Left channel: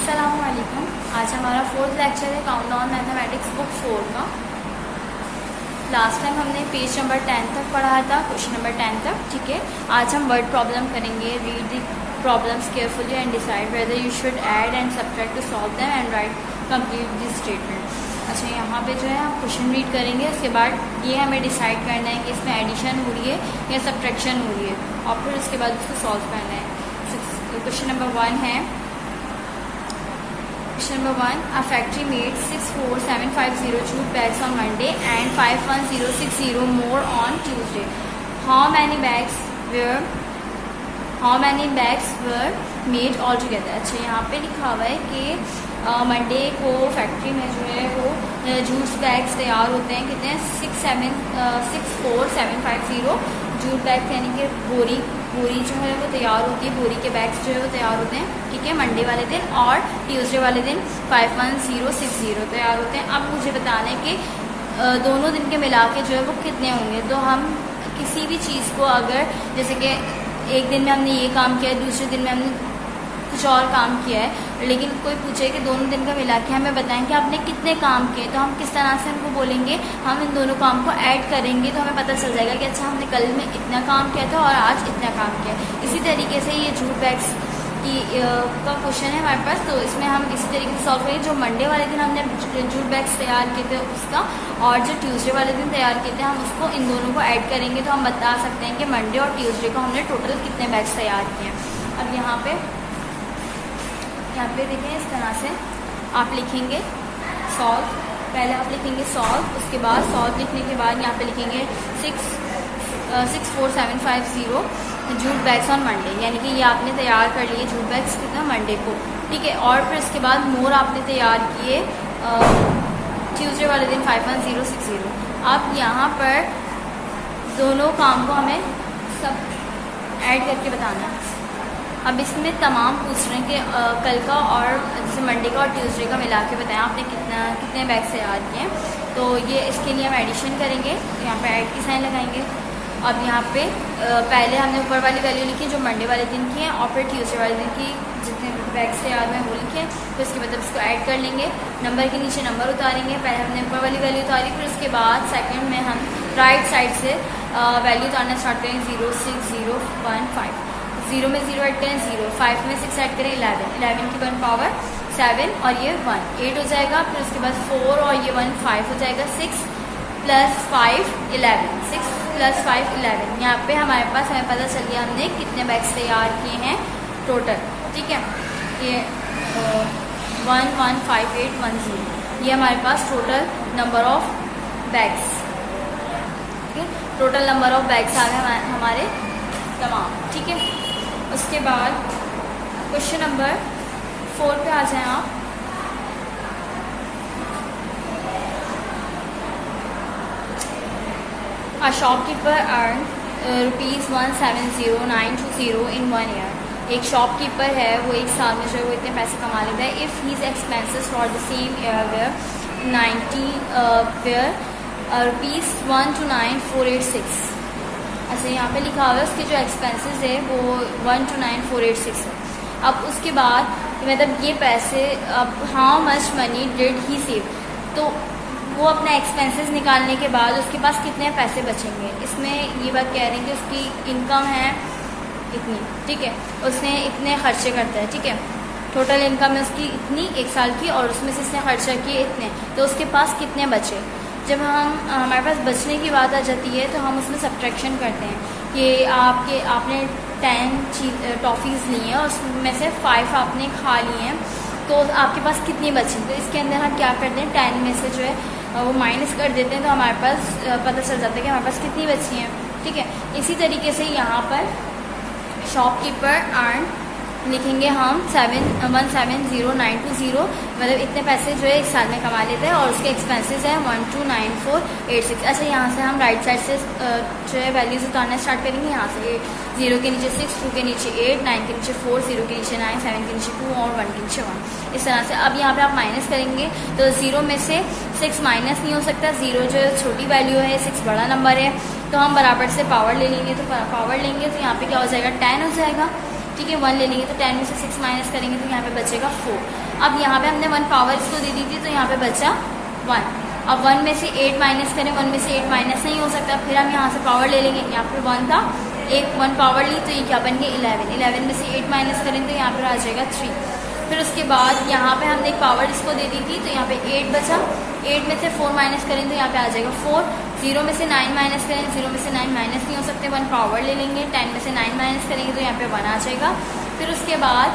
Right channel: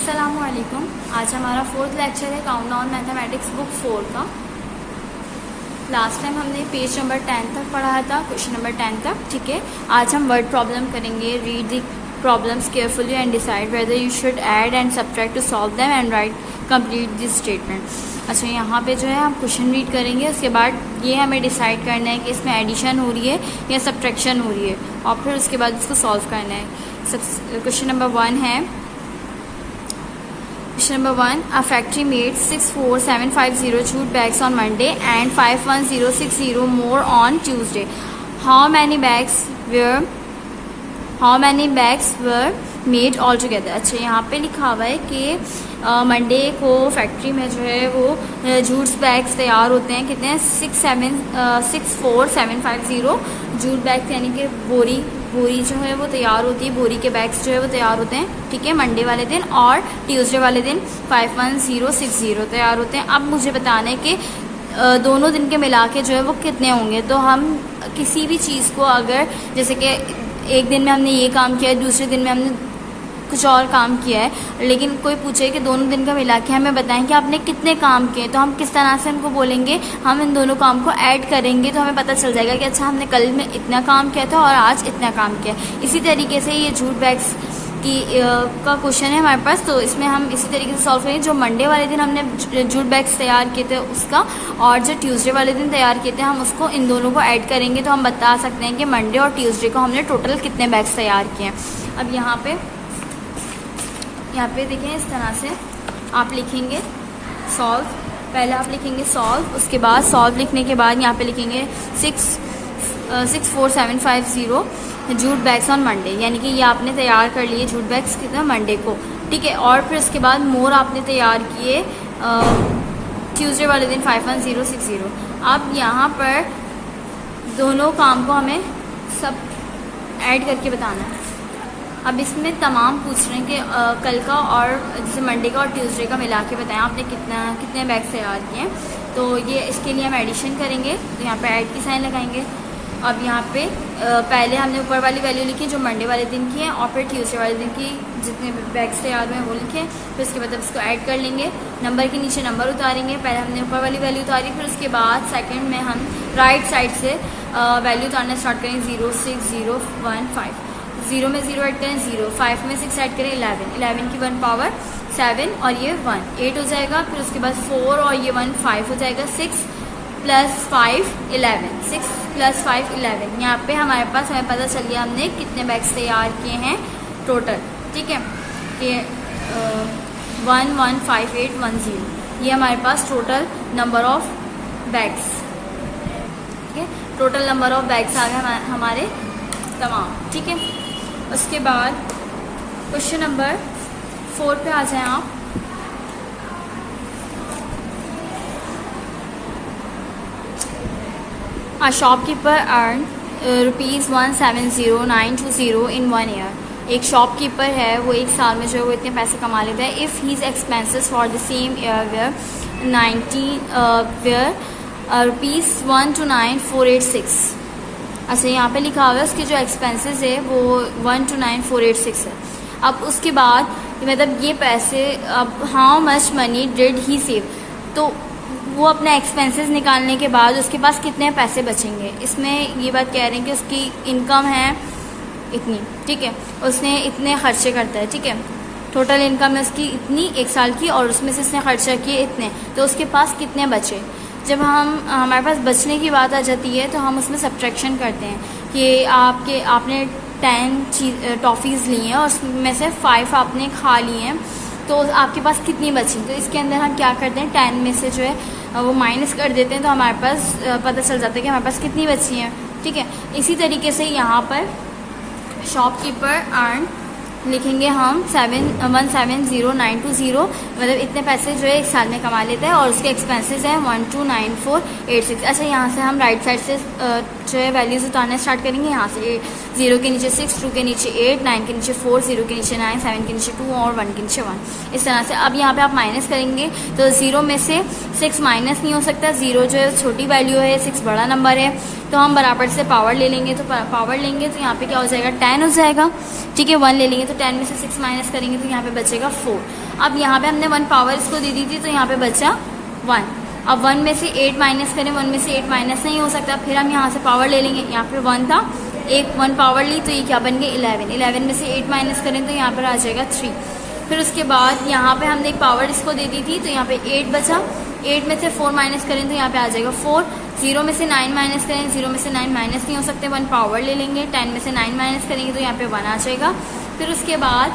अस्सलामुअलैकुम। आज हमारा फोर्थ लेक्चर है काउंटडाउन मैथमेटिक्स बुक 4 का। लास्ट टाइम हमने पेज नंबर 10 तक पढ़ा था, क्वेश्चन नंबर 10 तक। ठीक है, आज हम वर्ड प्रॉब्लम करेंगे। Read the problems carefully and decide whether you should add and subtract to solve them and right complete this statement. अच्छा, यहाँ पे जो है हम क्वेश्चन रीड करेंगे, उसके बाद ये हमें डिसाइड करना है कि इसमें एडिशन हो रही है या सब्ट्रैक्शन हो रही है, और फिर उसके बाद उसको सॉल्व करना है। क्वेश्चन नंबर 1 है। Question number 1. A factory made 64750 jute bags on Monday and 51060 more on Tuesday. How many bags were made altogether? अच्छा, यहाँ पे लिखा हुआ है कि मंडे को फैक्ट्री में जो है वो जूट बैग्स तैयार होते हैं। कितने? 64750 जूट बैग्स, यानी कि बोरी जो है वो तैयार होती है, बोरी के बैग्स जो है वो तैयार होते हैं। ठीक है, मंडे वाले दिन, और ट्यूसडे वाले दिन 51060 तैयार होते हैं। अब मुझे बताना है कि दोनों दिन के मिला के जो है वो कितने होंगे। तो हम किसी भी चीज़ को, अगर जैसे कि एक दिन में हमने ये काम किया है, दूसरे दिन में हमने कुछ और काम किया है, लेकिन कोई पूछे कि दोनों दिन का मिला के हमें बताएं कि आपने कितने काम किए, तो हम किस तरह से उनको बोलेंगे? हम इन दोनों काम को ऐड करेंगे तो हमें पता चल जाएगा कि अच्छा, हमने कल में इतना काम किया था और आज इतना काम किया। इसी तरीके से ये जूट बैग्स की का क्वेश्चन है हमारे पास, तो इसमें हम इसी तरीके से सॉल्व करेंगे। जो मंडे वाले दिन हमने जूट बैग्स तैयार किए थे उसका, और जो ट्यूसडे वाले दिन तैयार किए थे, हम उसको इन दोनों को ऐड करेंगे तो हम बता सकते हैं कि मंडे और ट्यूसडे को हमने टोटल कितने बैग्स तैयार किए हैं। अब यहाँ पे देखें, इस तरह से आप लिखेंगे सॉल्व। पहले आप लिखेंगे सॉल्व, उसके बाद सॉल्व लिखने के बाद यहाँ पे लिखेंगे 64750 जूट बैग्स ऑन मंडे, यानी कि ये आपने तैयार कर लिए जूट बैग्स कितना मंडे को। ठीक है, और फिर उसके बाद मोर आपने तैयार किए ट्यूसडे वाले दिन 51060। अब यहाँ पर दोनों काम को हमें सब ऐड करके बताना है। अब इसमें तमाम पूछ रहे हैं कि कल का और जैसे मंडे का और ट्यूसडे का मिला के बताएं आपने कितने बैग्स तैयार किए हैं। तो ये इसके लिए हम एडिशन करेंगे, यहाँ पे ऐड की साइन लगाएंगे। अब यहाँ पे पहले हमने ऊपर वाली वैल्यू लिखी जो मंडे वाले दिन की है, और फिर ट्यूसडे वाले दिन की जितने बैग्स तैयार हुए हैं वो लिखे। फिर उसके बाद इसको ऐड कर लेंगे, नंबर के नीचे नंबर उतारेंगे। पहले हमने ऊपर वाली वैल्यू उतारी, फिर उसके बाद सेकंड में हम राइट साइड से वैल्यू उतारना स्टार्ट करेंगे। 0 6 0 1 5, 0 में 0 ऐड करें 0, 5 में 6 ऐड करें 11, 11 की 1 पावर 7 और ये 1 8 हो जाएगा। फिर उसके बाद 4 और ये 1 5 हो जाएगा। 6 + 5 11, 6 + 5 11। यहाँ पे हमारे पास हमें पता चल गया हमने कितने बैग्स तैयार किए हैं टोटल। ठीक है, ये 115810, ये हमारे पास टोटल नंबर ऑफ बैग्स। ठीक है, टोटल नंबर ऑफ बैग्स आ गए हमारे तमाम। ठीक है, उसके बाद क्वेश्चन नंबर 4 पे आ जाएं आप। A shopkeeper earned ₹170,920 in 1 year. एक शॉपकीपर है, वो एक साल में जो वो इतने पैसे कमा लेता है। If his expenses for the same year were ₹129,486। अच्छा, यहाँ पे लिखा हुआ है उसके जो एक्सपेंसेस है वो 129,486 है। अब उसके बाद मतलब ये पैसे, अब how much money did he save, तो वो अपने एक्सपेंसेस निकालने के बाद उसके पास कितने पैसे बचेंगे। इसमें ये बात कह रहे हैं कि उसकी इनकम है इतनी। ठीक है, उसने इतने खर्चे करता है। ठीक है, टोटल इनकम है उसकी इतनी एक साल की, और उसमें से उसने खर्चा किए इतने, तो उसके पास कितने बचे। जब हमारे पास बचने की बात आ जाती है तो हम उसमें सब्ट्रैक्शन करते हैं कि आपने 10 टॉफ़ीज़ ली हैं और उसमें से 5 आपने खा लिए हैं, तो आपके पास कितनी बची। तो इसके अंदर हम क्या करते हैं, 10 में से जो है वो माइनस कर देते हैं, तो हमारे पास पता चल जाता है कि हमारे पास कितनी बची हैं। ठीक है, इसी तरीके से यहाँ पर शॉपकीपर अर्न लिखेंगे हम 170,920, मतलब इतने पैसे जो है एक साल में कमा लेते हैं, और उसके एक्सपेंसेस हैं 129,486। अच्छा, यहाँ से हम राइट साइड से जो है वैल्यूज उतारना स्टार्ट करेंगे। यहाँ से 0 के नीचे 6, 2 के नीचे 8, 9 के नीचे 4, 0 के नीचे 9, 7 के नीचे 2 और 1 के नीचे 1। इस तरह से अब यहाँ पे आप माइनस करेंगे तो 0 में से 6 माइनस नहीं हो सकता। 0 जो है छोटी वैल्यू है, 6 बड़ा नंबर है, तो हम बराबर से पावर ले लेंगे, तो पावर लेंगे तो यहाँ पे क्या हो जाएगा 10 हो जाएगा, ठीक है। 1 ले लेंगे तो 10 में से 6 माइनस करेंगे तो यहाँ पे बचेगा 4। अब यहाँ पे हमने 1 पावर इसको दे दी थी तो यहाँ पे बचा 1। अब 1 में से 8 माइनस करें, 1 में से 8 माइनस नहीं हो सकता, फिर हम यहाँ से पावर ले लेंगे। यहाँ पे 1 था, 1 पावर ली तो ये क्या बन गया 11। 11 में से 8 माइनस करें तो यहाँ पर आ जाएगा 3। फिर उसके बाद यहाँ पे हमने एक पावर इसको दे दी थी तो यहाँ पे 8 बचा, 8 में से 4 माइनस करें तो यहाँ पे आ जाएगा 4। 0 में से 9 माइनस करें, 0 में से 9 माइनस नहीं हो सकते, 1 पावर ले लेंगे, 10 में से 9 माइनस करेंगे तो यहाँ पे 1 आ जाएगा। फिर उसके बाद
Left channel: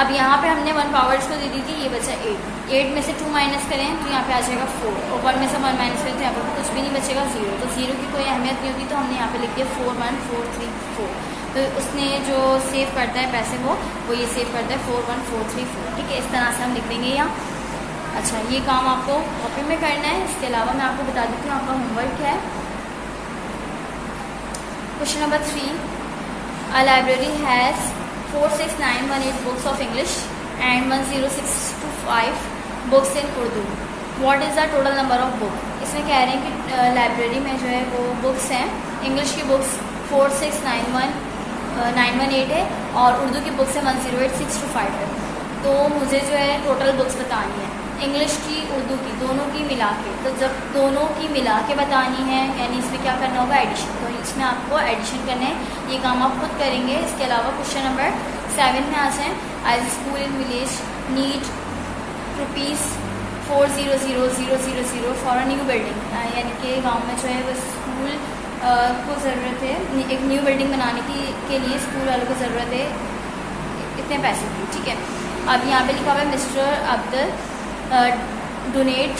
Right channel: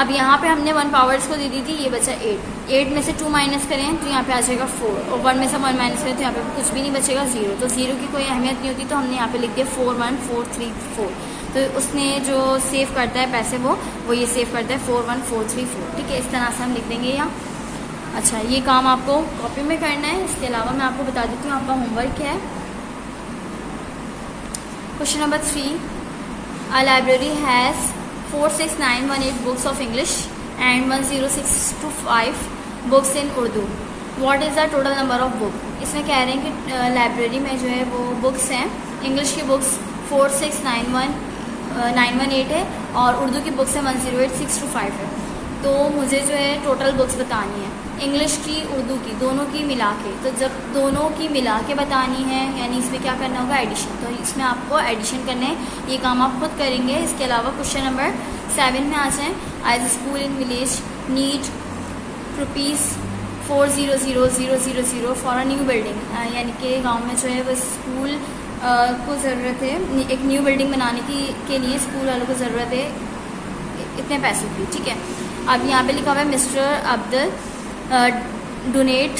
अब यहाँ पे हमने 1 पावर इसको दे दी थी, ये बचा 8। 8 में से 2 माइनस करें तो यहाँ पे आ जाएगा 4, और 1 में से 1 माइनस करें तो यहाँ पे कुछ भी नहीं बचेगा 0। तो 0 की कोई अहमियत नहीं होगी, तो हमने यहाँ पे लिख दिया 4 1 4 3 4। तो उसने जो सेव करता है पैसे वो ये सेव करता है 4 1 4 3 4, ठीक है। इस तरह से हम लिख देंगे यहाँ। अच्छा, ये काम आपको कॉपी में करना है। इसके अलावा मैं आपको बता देती हूँ आपका होमवर्क क्या है। Question number 3, a library has 46918 books of English and 10625 books in Urdu. What is the total number of book. इसमें कह रहे हैं कि लाइब्रेरी में जो है वो बुक्स हैं, इंग्लिश की बुक्स 46918 है और उर्दू की बुक्स है 108,625 है। तो मुझे जो है टोटल बुक्स बतानी है, इंग्लिश की उर्दू की दोनों की मिला के। तो जब दोनों की मिला के बतानी है यानी इसमें क्या करना होगा एडिशन, तो इसमें आपको एडिशन करने हैं, ये काम आप खुद करेंगे। इसके अलावा क्वेश्चन नंबर 7 में आ जाए, as school in village need ₹400,000 for a new building. यानी कि गांव में जो है वो स्कूल को ज़रूरत है, एक न्यू बिल्डिंग बनाने के लिए स्कूल वालों को ज़रूरत है इतने पैसे की, ठीक है। अब यहाँ पे लिखा हुआ है मिस्टर अब्दुल डोनेट,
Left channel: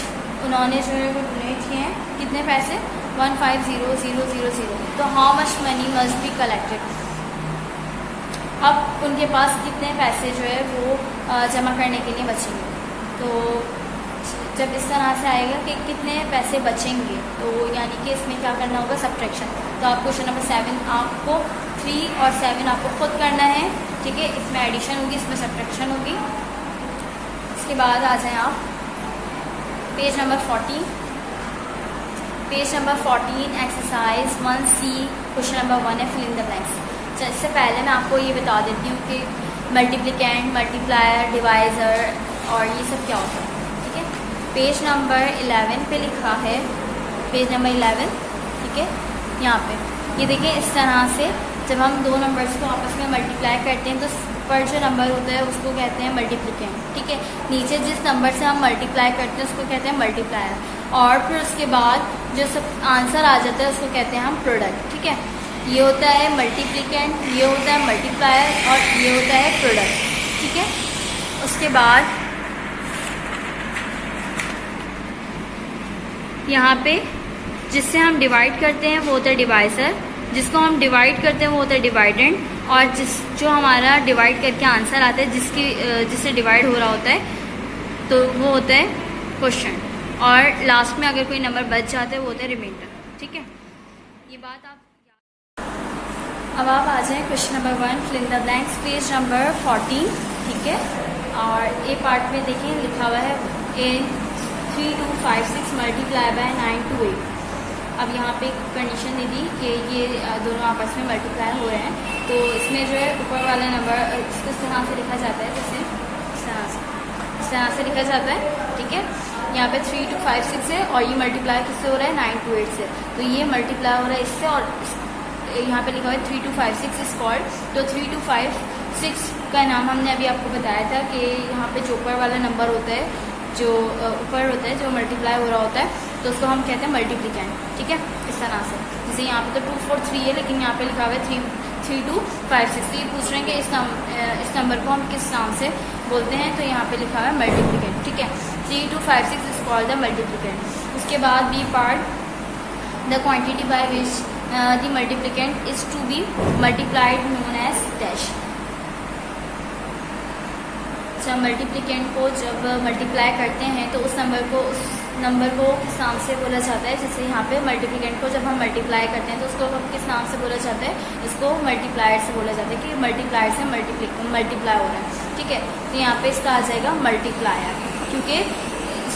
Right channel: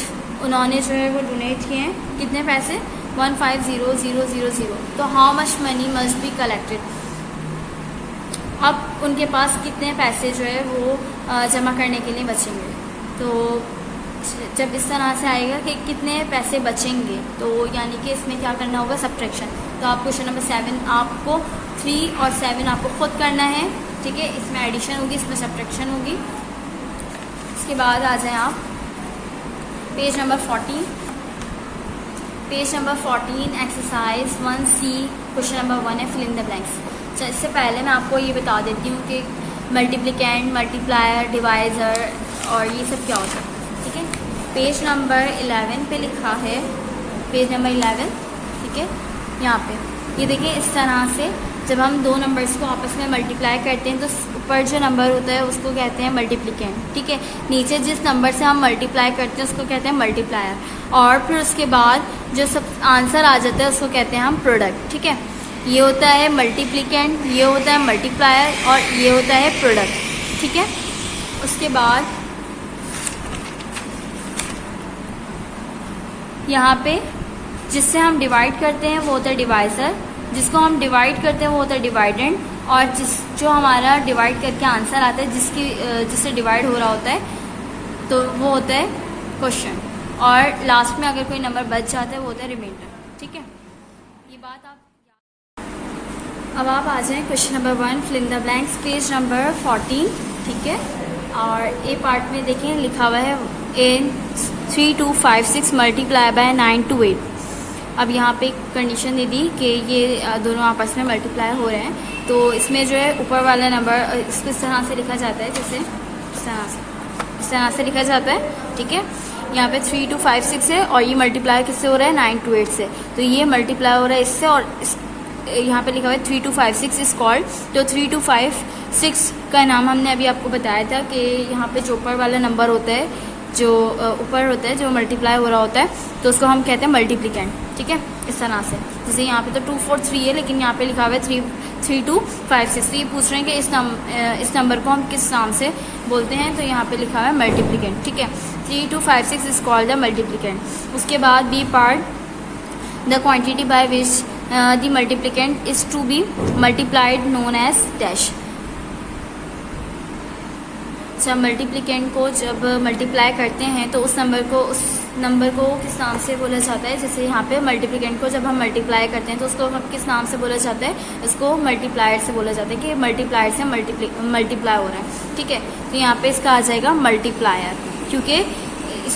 उन्होंने जो है वो डोनेट किए हैं कितने पैसे 150,000। तो how much money must be collected. अब उनके पास कितने पैसे जो है वो जमा करने के लिए बचेंगे। तो जब इस तरह से आएगा कि कितने पैसे बचेंगे, तो यानी कि इसमें क्या करना होगा सब्ट्रैक्शन। तो आप क्वेश्चन नंबर 7 आपको 3 और 7 आपको खुद करना है, ठीक है। इसमें एडिशन होगी, इसमें सब्ट्रैक्शन होगी। इसके बाद आ जाएं आप page number 14। Page number 14 exercise 1C question number 1 है, फिल इन द ब्लैंक्स। इससे पहले मैं आपको ये बता देती हूँ कि मल्टीप्लिकेंट, मल्टीप्लायर, डिवाइज़र और ये सब क्या होता है, ठीक है। पेज नंबर 11 पे लिखा है, पेज नंबर 11, ठीक है। यहाँ पे ये देखिए, इस तरह से जब हम दो नंबर्स को आपस में मल्टीप्लाई करते हैं तो ऊपर जो नंबर होता है उसको कहते हैं मल्टीप्लिकेंट, ठीक है। नीचे जिस नंबर से हम मल्टीप्लाई करते हैं उसको कहते हैं मल्टीप्लायर, और फिर उसके बाद जो सब आंसर आ जाता है उसको कहते हैं हम प्रोडक्ट, ठीक है। ये होता है मल्टीप्लिकेंट, ये होता है मल्टीप्लायर और ये होता है प्रोडक्ट, ठीक है। उसके बाद यहाँ पे जिससे हम डिवाइड करते हैं वो होता है डिवाइजर, जिसको हम डिवाइड करते हैं वो होता है डिवाइडेंड, और जो हमारा डिवाइड करके आंसर आता है जिससे डिवाइड हो रहा होता है तो वो होता है क्वेश्चन, और लास्ट में अगर कोई नंबर बच जाता है वो होता है रिमाइंडर, ठीक है। ये बात आप अब आप आ जाएं question number 1 fill in the blanks, page number 14, ठीक है। और ए पार्ट में देखें लिखा हुआ है इन 3256 मल्टीप्लाई बाय 928। अब यहाँ पे एक कंडीशन दे दी कि ये दोनों आपस में मल्टीप्लाई हो रहे हैं, तो इसमें जो है ऊपर वाला नंबर इसको इस तरह से लिखा जाता है, जैसे इस तरह से लिखा जाता है, ठीक है। यहाँ पे 3256 है और ये मल्टीप्लाई किससे हो रहा है 928 से, तो ये मल्टीप्लाई हो रहा है इससे, और यहाँ पे लिखा हुआ है 3256 इज कॉल्ड। तो 3256 का नाम हमने अभी आपको बताया था कि यहाँ पे जो ऊपर वाला नंबर होता है, जो ऊपर होता है, जो मल्टीप्लाई हो रहा होता है, तो उसको हम कहते हैं मल्टीप्लिकेंट, ठीक है। इस तरह से जैसे यहाँ पे तो 243 है लेकिन यहाँ पे लिखा हुआ है 3256। तो ये पूछ रहे हैं कि इस नंबर को हम किस नाम से बोलते हैं, तो यहाँ पे लिखा हुआ है मल्टीप्लिकेंट, ठीक है। 3256 इज कॉल्ड द मल्टीप्लिकेंट। उसके बाद B part the quantity by which the multiplicand is to be multiplied known as dash. जब मल्टीप्लिकेंट को जब मल्टीप्लाई करते हैं तो उस नंबर को किस नाम से बोला जाता है। जैसे यहाँ पे मल्टीप्लिकेंट को जब हम मल्टीप्लाई करते हैं तो उसको किस नाम से बोला जाता है, इसको मल्टीप्लायर से बोला जाता है कि मल्टीप्लायर से मल्टीप्लाई हो रहे हैं, ठीक है। तो यहाँ पे इसका आ जाएगा मल्टीप्लायर, क्योंकि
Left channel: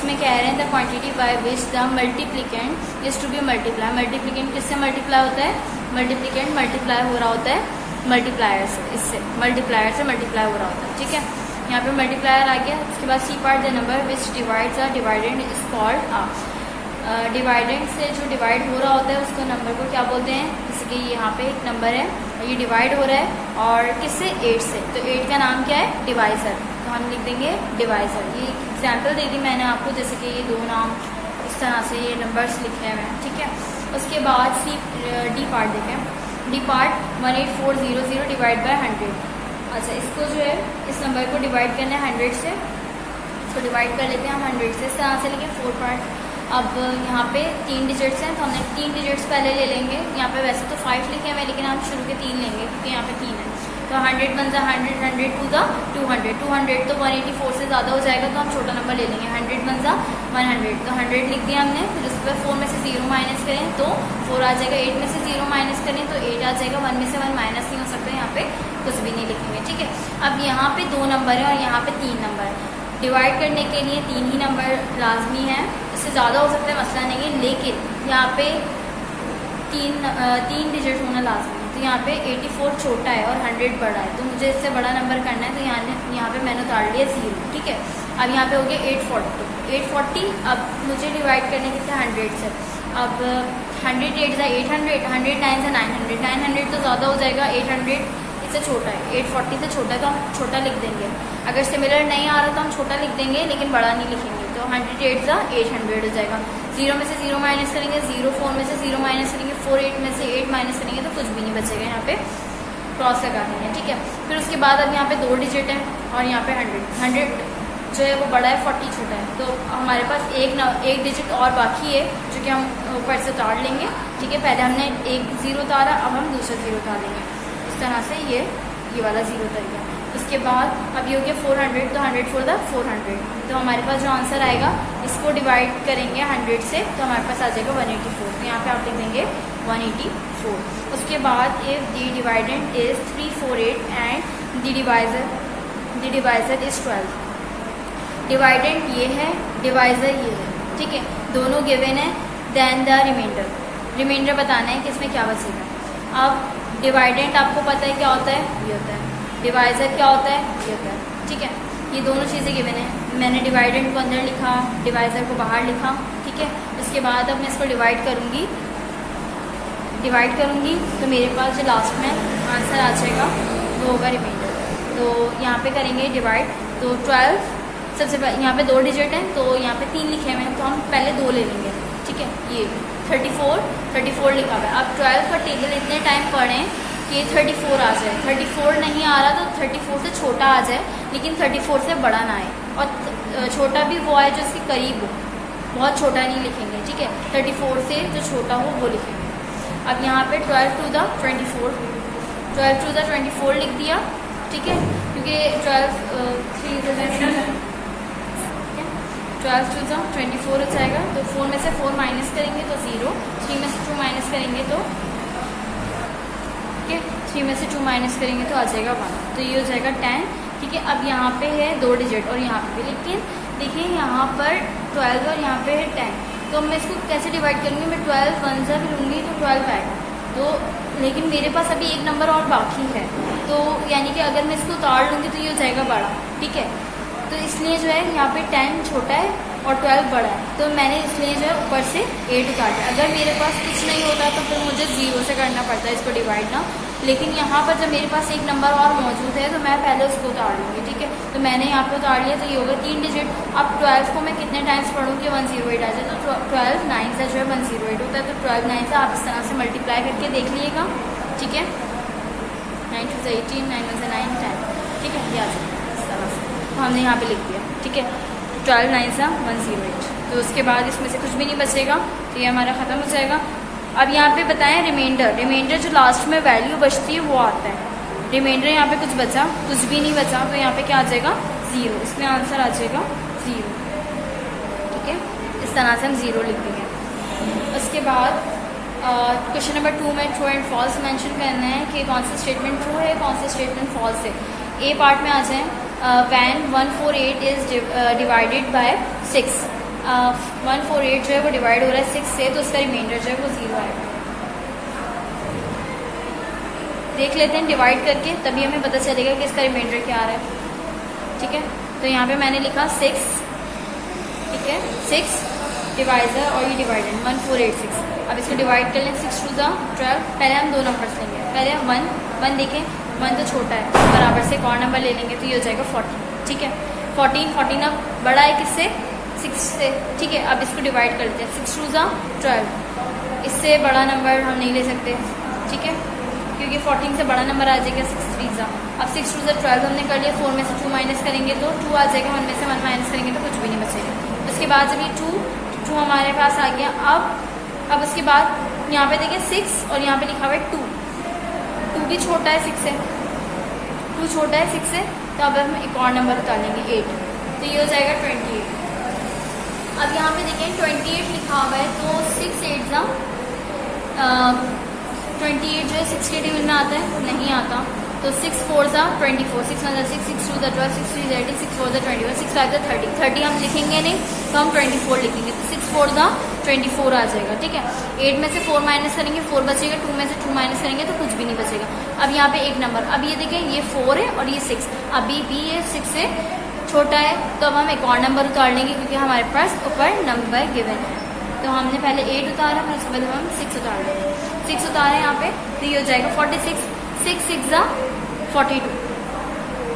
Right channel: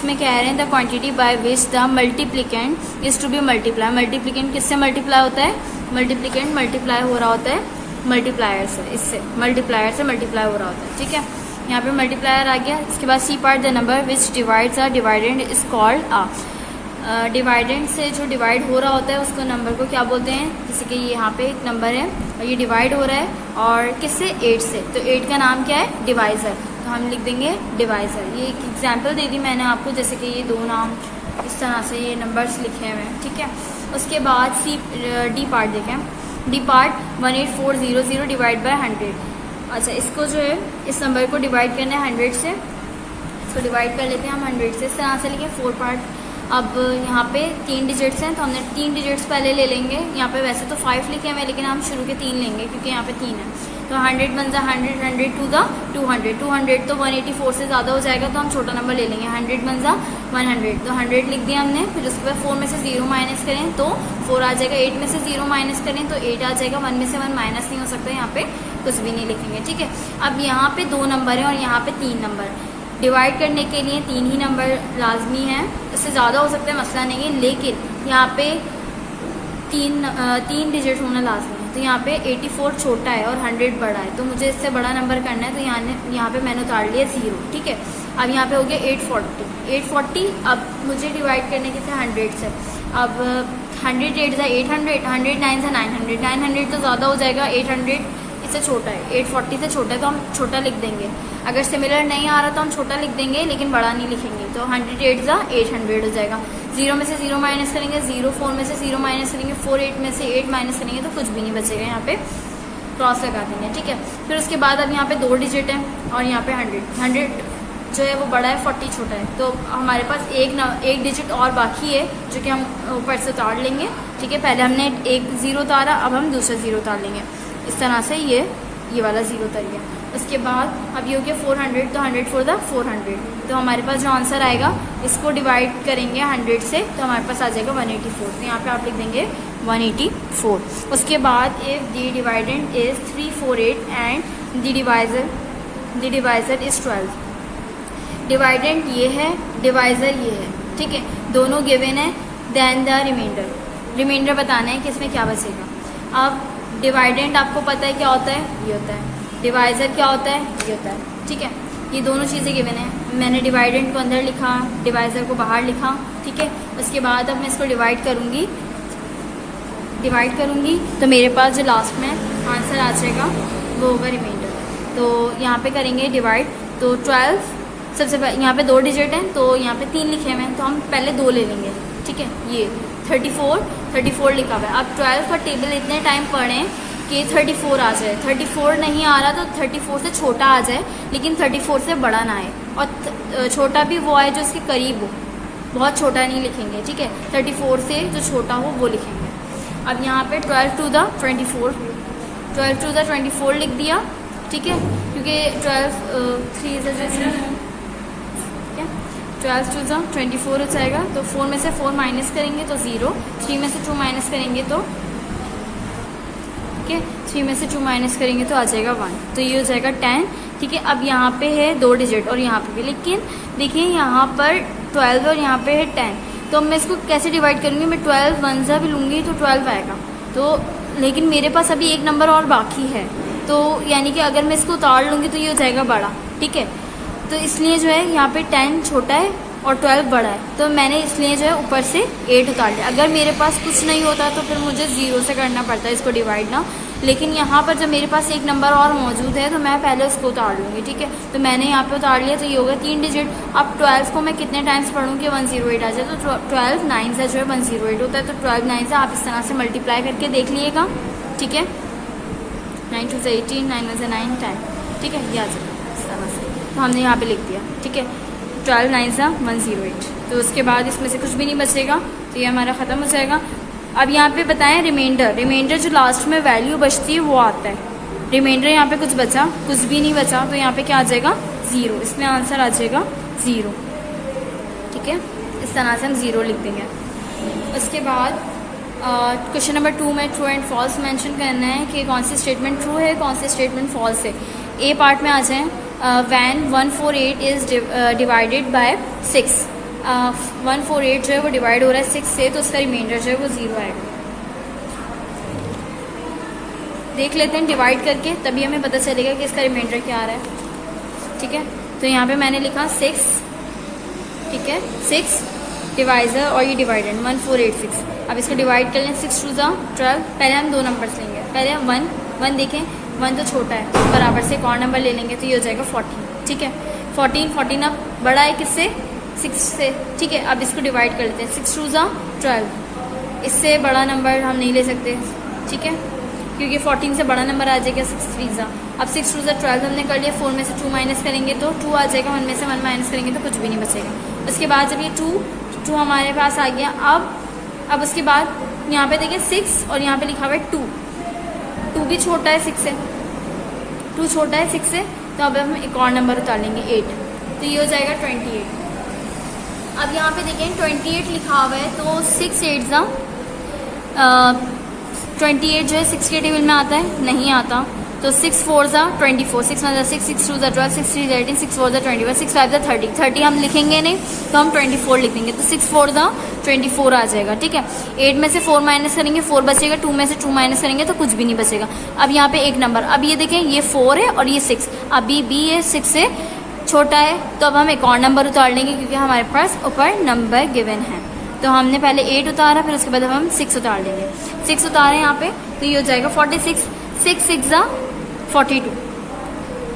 इसमें कह रहे हैं the quantity by which the multiplicand is to be multiply. Multiplicand किससे मल्टीप्लाई होता है? मल्टीप्लिकेंट मल्टीप्लाई हो रहा होता है मल्टीप्लायर से, इससे मल्टीप्लायर से मल्टीप्लाई हो रहा होता है, ठीक है। यहाँ पे मल्टीप्लायर आ गया। इसके बाद C part the number which divides a dividend is called a. Dividend से जो डिवाइड हो रहा होता है उसको नंबर को क्या बोलते हैं? जैसे कि यहाँ पे एक नंबर है, ये डिवाइड हो रहा है और किससे? 8 से, तो 8 का नाम क्या है? डिवाइजर। तो हम लिख देंगे डिवाइजर। ये एक एग्जाम्पल दे दी मैंने आपको, जैसे कि ये 2 नाम इस तरह से ये नंबर्स लिखे हुए हैं, ठीक है। उसके बाद डी पार्ट देखें। D part 18400 divide by 100। अच्छा, इसको जो है इस नंबर को डिवाइड करना है 100 से, इसको डिवाइड कर लेते हैं हम 100 से। इस तरह से लेके 4 पार्ट। अब यहाँ पे 3 डिजिट्स हैं तो हमने 3 डिजिट्स पहले ले लेंगे। यहाँ पे वैसे तो 5 लिखे हुए लेकिन हम शुरू के 3 लेंगे क्योंकि यहाँ पे 3 है। तो 100 बन जा 100, 100 टू द 200, 200 तो 184 से ज़्यादा हो जाएगा तो हम छोटा नंबर ले लेंगे। 100 बन जा 100, तो 100 लिख दिया हमने। फिर उसके बाद 4 में से 0 माइनस करें तो 4 आ जाएगा। 8 में से 0 माइनस करें तो 8 आ जाएगा। 1 में से 1 माइनस नहीं हो सकता, यहाँ पे कुछ भी नहीं लिखेंगे, ठीक है। अब यहाँ पे 2 नंबर है और यहाँ पे 3 नंबर है। डिवाइड करने के लिए 3 ही नंबर लाजमी है, इससे ज़्यादा हो सकता है, मसला नहीं है, लेकिन यहाँ पे 3 डिजिट होना लाजमी है। तो यहाँ पे 84 छोटा है और 100 बड़ा है, तो मुझे इससे बड़ा नंबर करना है। तो यहाँ पे मैंने उतार लिया 0, ठीक है। अब यहाँ पे हो गया 840। अब मुझे डिवाइड करने के थे 100 से। अब 100 8 जा 800, 100 9 जा 900, 900 तो ज़्यादा हो जाएगा, 800 इससे छोटा है, 840 से छोटा है तो हम छोटा लिख देंगे। अगर सिमिलर नहीं आ रहा तो हम छोटा लिख देंगे लेकिन बड़ा नहीं लिखेंगे। तो 100 8 जा 800 हो जाएगा। 0 में से 0 माइनस करेंगे 0, 4 में से 0 माइनस करेंगे 4, 8 में से 8 माइनस करेंगे तो कुछ भी नहीं बचेगा, यहाँ पे क्रॉस लगा देंगे, ठीक है। फिर उसके बाद अब यहाँ पे 2 डिजिट है और यहाँ पे 100 जो है वो बड़ा है, 40 छोटा है। तो हमारे पास एक डिजिट और बाकी है जो कि हम ऊपर से उतार लेंगे, ठीक है। पहले हमने एक 0 उतारा, अब हम दूसरा 0 उतार लेंगे। इस तरह से ये वाला 0 उतर गया। उसके बाद अब ये हो गया 400, तो 100 4 400। तो हमारे पास जो आंसर आएगा इसको डिवाइड करेंगे 100 से तो हमारे पास आ जाएगा 184। तो यहाँ पे आप लिख देंगे 184। उसके बाद if the dividend is 348 and the divisor is 12। डिवाइडेंट ये है, डिवाइजर ये है, ठीक है, दोनों गिवन है। देन द रिमाइंडर बताना है कि इसमें क्या बचेगा। अब डिवाइडेंट आपको पता है क्या होता है, ये होता है। डिवाइजर क्या होता है, ये होता है, ठीक है। ये दोनों चीज़ें गिवन है। मैंने डिवाइडेंट को अंदर लिखा, डिवाइजर को बाहर लिखा, ठीक है। उसके बाद अब मैं इसको डिवाइड करूँगी तो मेरे पास जो लास्ट में आंसर आ जाएगा वो होगा रिमाइंडर। तो यहाँ पे करेंगे डिवाइड, तो 12 सबसे पहले यहाँ पे 2 डिजिट हैं तो यहाँ पे 3 लिखे हुए हैं तो हम पहले 2 ले लेंगे, ठीक है। ये 34 लिखा हुआ है। अब 12 का टेबल इतने टाइम पढ़ें कि 34 आ जाए। 34 नहीं आ रहा तो 34 से छोटा आ जाए लेकिन 34 से बड़ा ना आए, और छोटा भी वो आए जो इसके करीब हो, बहुत छोटा नहीं लिखेंगे, ठीक है। 34 से जो छोटा हो वो लिखेंगे। अब यहाँ पे 12 टू द 24 लिख दिया, ठीक है, क्योंकि 12 टू द 24 हो जाएगा। तो 4 में से 4 माइनस करेंगे तो 0, 3 में से 2 माइनस करेंगे तो 3 में से 2 माइनस करेंगे तो आ जाएगा 1, तो ये हो जाएगा 10, ठीक है। अब यहाँ पे है 2 डिजिट और यहाँ पे भी, लेकिन देखिए यहाँ पर 12 और यहाँ पे है 10, तो मैं इसको कैसे डिवाइड करूँगी। मैं 12 1 सा भी लूँगी तो 12 आएगा, तो लेकिन मेरे पास अभी एक नंबर और बाकी है, तो यानी कि अगर मैं इसको उतार लूँगी तो ये हो जाएगा बड़ा, ठीक है। तो इसलिए जो है यहाँ पे 10 छोटा है और 12 बड़ा है, तो मैंने इसलिए जो है ऊपर से 8 उतार दिया। अगर मेरे पास कुछ नहीं होता तो फिर मुझे 0 से करना पड़ता है इसको डिवाइड ना, लेकिन यहाँ पर जब मेरे पास एक नंबर और मौजूद है तो मैं पहले उसको उतार लूँगी, ठीक है। तो मैंने यहाँ पे उतार लिया, तो ये होगा 3 डिजिट। अब 12 को मैं कितने टाइम्स पढ़ूँगी, 108 आ जाए, तो 12 9 से जो है 108 होता है, तो 12 9 से आप इस तरह से मल्टीप्लाई करके देख लीजिएगा, ठीक है। 9 2 से 18, 9 1 से 9 10, ठीक है, ये आ जाएगा इस तरह से। तो हमने यहाँ पे लिख दिया, ठीक है। 12 9 से 108, तो उसके बाद इसमें से कुछ भी नहीं बचेगा, तो ये हमारा ख़त्म हो जाएगा। अब यहाँ पे बताएं रिमाइंडर जो लास्ट में वैल्यू बचती है वो आता है। रिमाइंडर यहाँ पे कुछ बचा, कुछ भी नहीं बचा, तो यहाँ पे क्या आ जाएगा 0, इसमें आंसर आ जाएगा 0, ठीक है। इस तरह से हम 0 लिख देंगे। इसके बाद क्वेश्चन नंबर 2 में ट्रू एंड फॉल्स मेंशन करना है कि कौन सी स्टेटमेंट ट्रू है, कौन सी स्टेटमेंट फॉल्स है। ए पार्ट में आ जाएं, वैन 148 इज डिवाइडेड बाय 6, 148 जो है वो डिवाइड हो रहा है 6 से, तो उसका रिमाइंडर जो है वो 0 आएगा। देख लेते हैं डिवाइड करके, तभी हमें पता चलेगा कि इसका रिमाइंडर क्या आ रहा है। ठीक है, तो यहाँ पे मैंने लिखा 6, ठीक है, 6 डिवाइजर और ये डिवाइडेड 1486। अब इसको डिवाइड कर लें, 6 2 12। पहले हम दो नंबर्स लेंगे, पहले 1 देखें, 1 तो छोटा है, बराबर से एक और नंबर ले लेंगे तो ये हो जाएगा 14। ठीक है, 14 अब बड़ा है किससे, 6 से। ठीक है, अब इसको डिवाइड कर लेते हैं, 6 2 12। इससे बड़ा नंबर हम नहीं ले सकते, ठीक है, क्योंकि 14 से बड़ा नंबर आ जाएगा 6 3 अब 6 2 12 हमने कर लिया। 4 में से 2 माइनस करेंगे तो 2 आ जाएगा, 1 में से 1 माइनस करेंगे तो कुछ भी नहीं बचेगा। उसके बाद जब ये 2 हमारे पास आ गया, अब उसके बाद यहाँ पे देखिए 6 और यहाँ पे लिखा हुआ है 2 भी छोटा है 6 से, 2 छोटा है 6 से, तो अब हम एक और नंबर उतारेंगे 8, तो ये हो जाएगा 28। अब यहाँ पे देखिए 28 लिखा हुआ है, तो 6 8 28 जो है 6 के टेबल में आता है, नहीं आता, तो 6 4 24, 6 1 6, 6 2 12, 6 3 18, 6 4 21, 6 5 30 हम लिखेंगे नहीं तो हम 24 लिखेंगे, तो 6 4 24 आ जाएगा। ठीक है, 8 में से 4 माइनस करेंगे 4 बचेगा, 2 में से 2 माइनस करेंगे तो कुछ भी नहीं बचेगा। अब यहाँ पे एक नंबर, अब ये देखें ये 4 है और ये 6, अभी भी ये 6 से छोटा है, तो अब हम एक और नंबर उतार लेंगे क्योंकि हमारे पास ऊपर नंबर गिवन है। तो हमने पहले 8 उतारा, फिर उसके बाद हम 6 उतार लेंगे। 6 उतारे यहाँ पे, तो ये हो जाएगा 46, 6 6 42,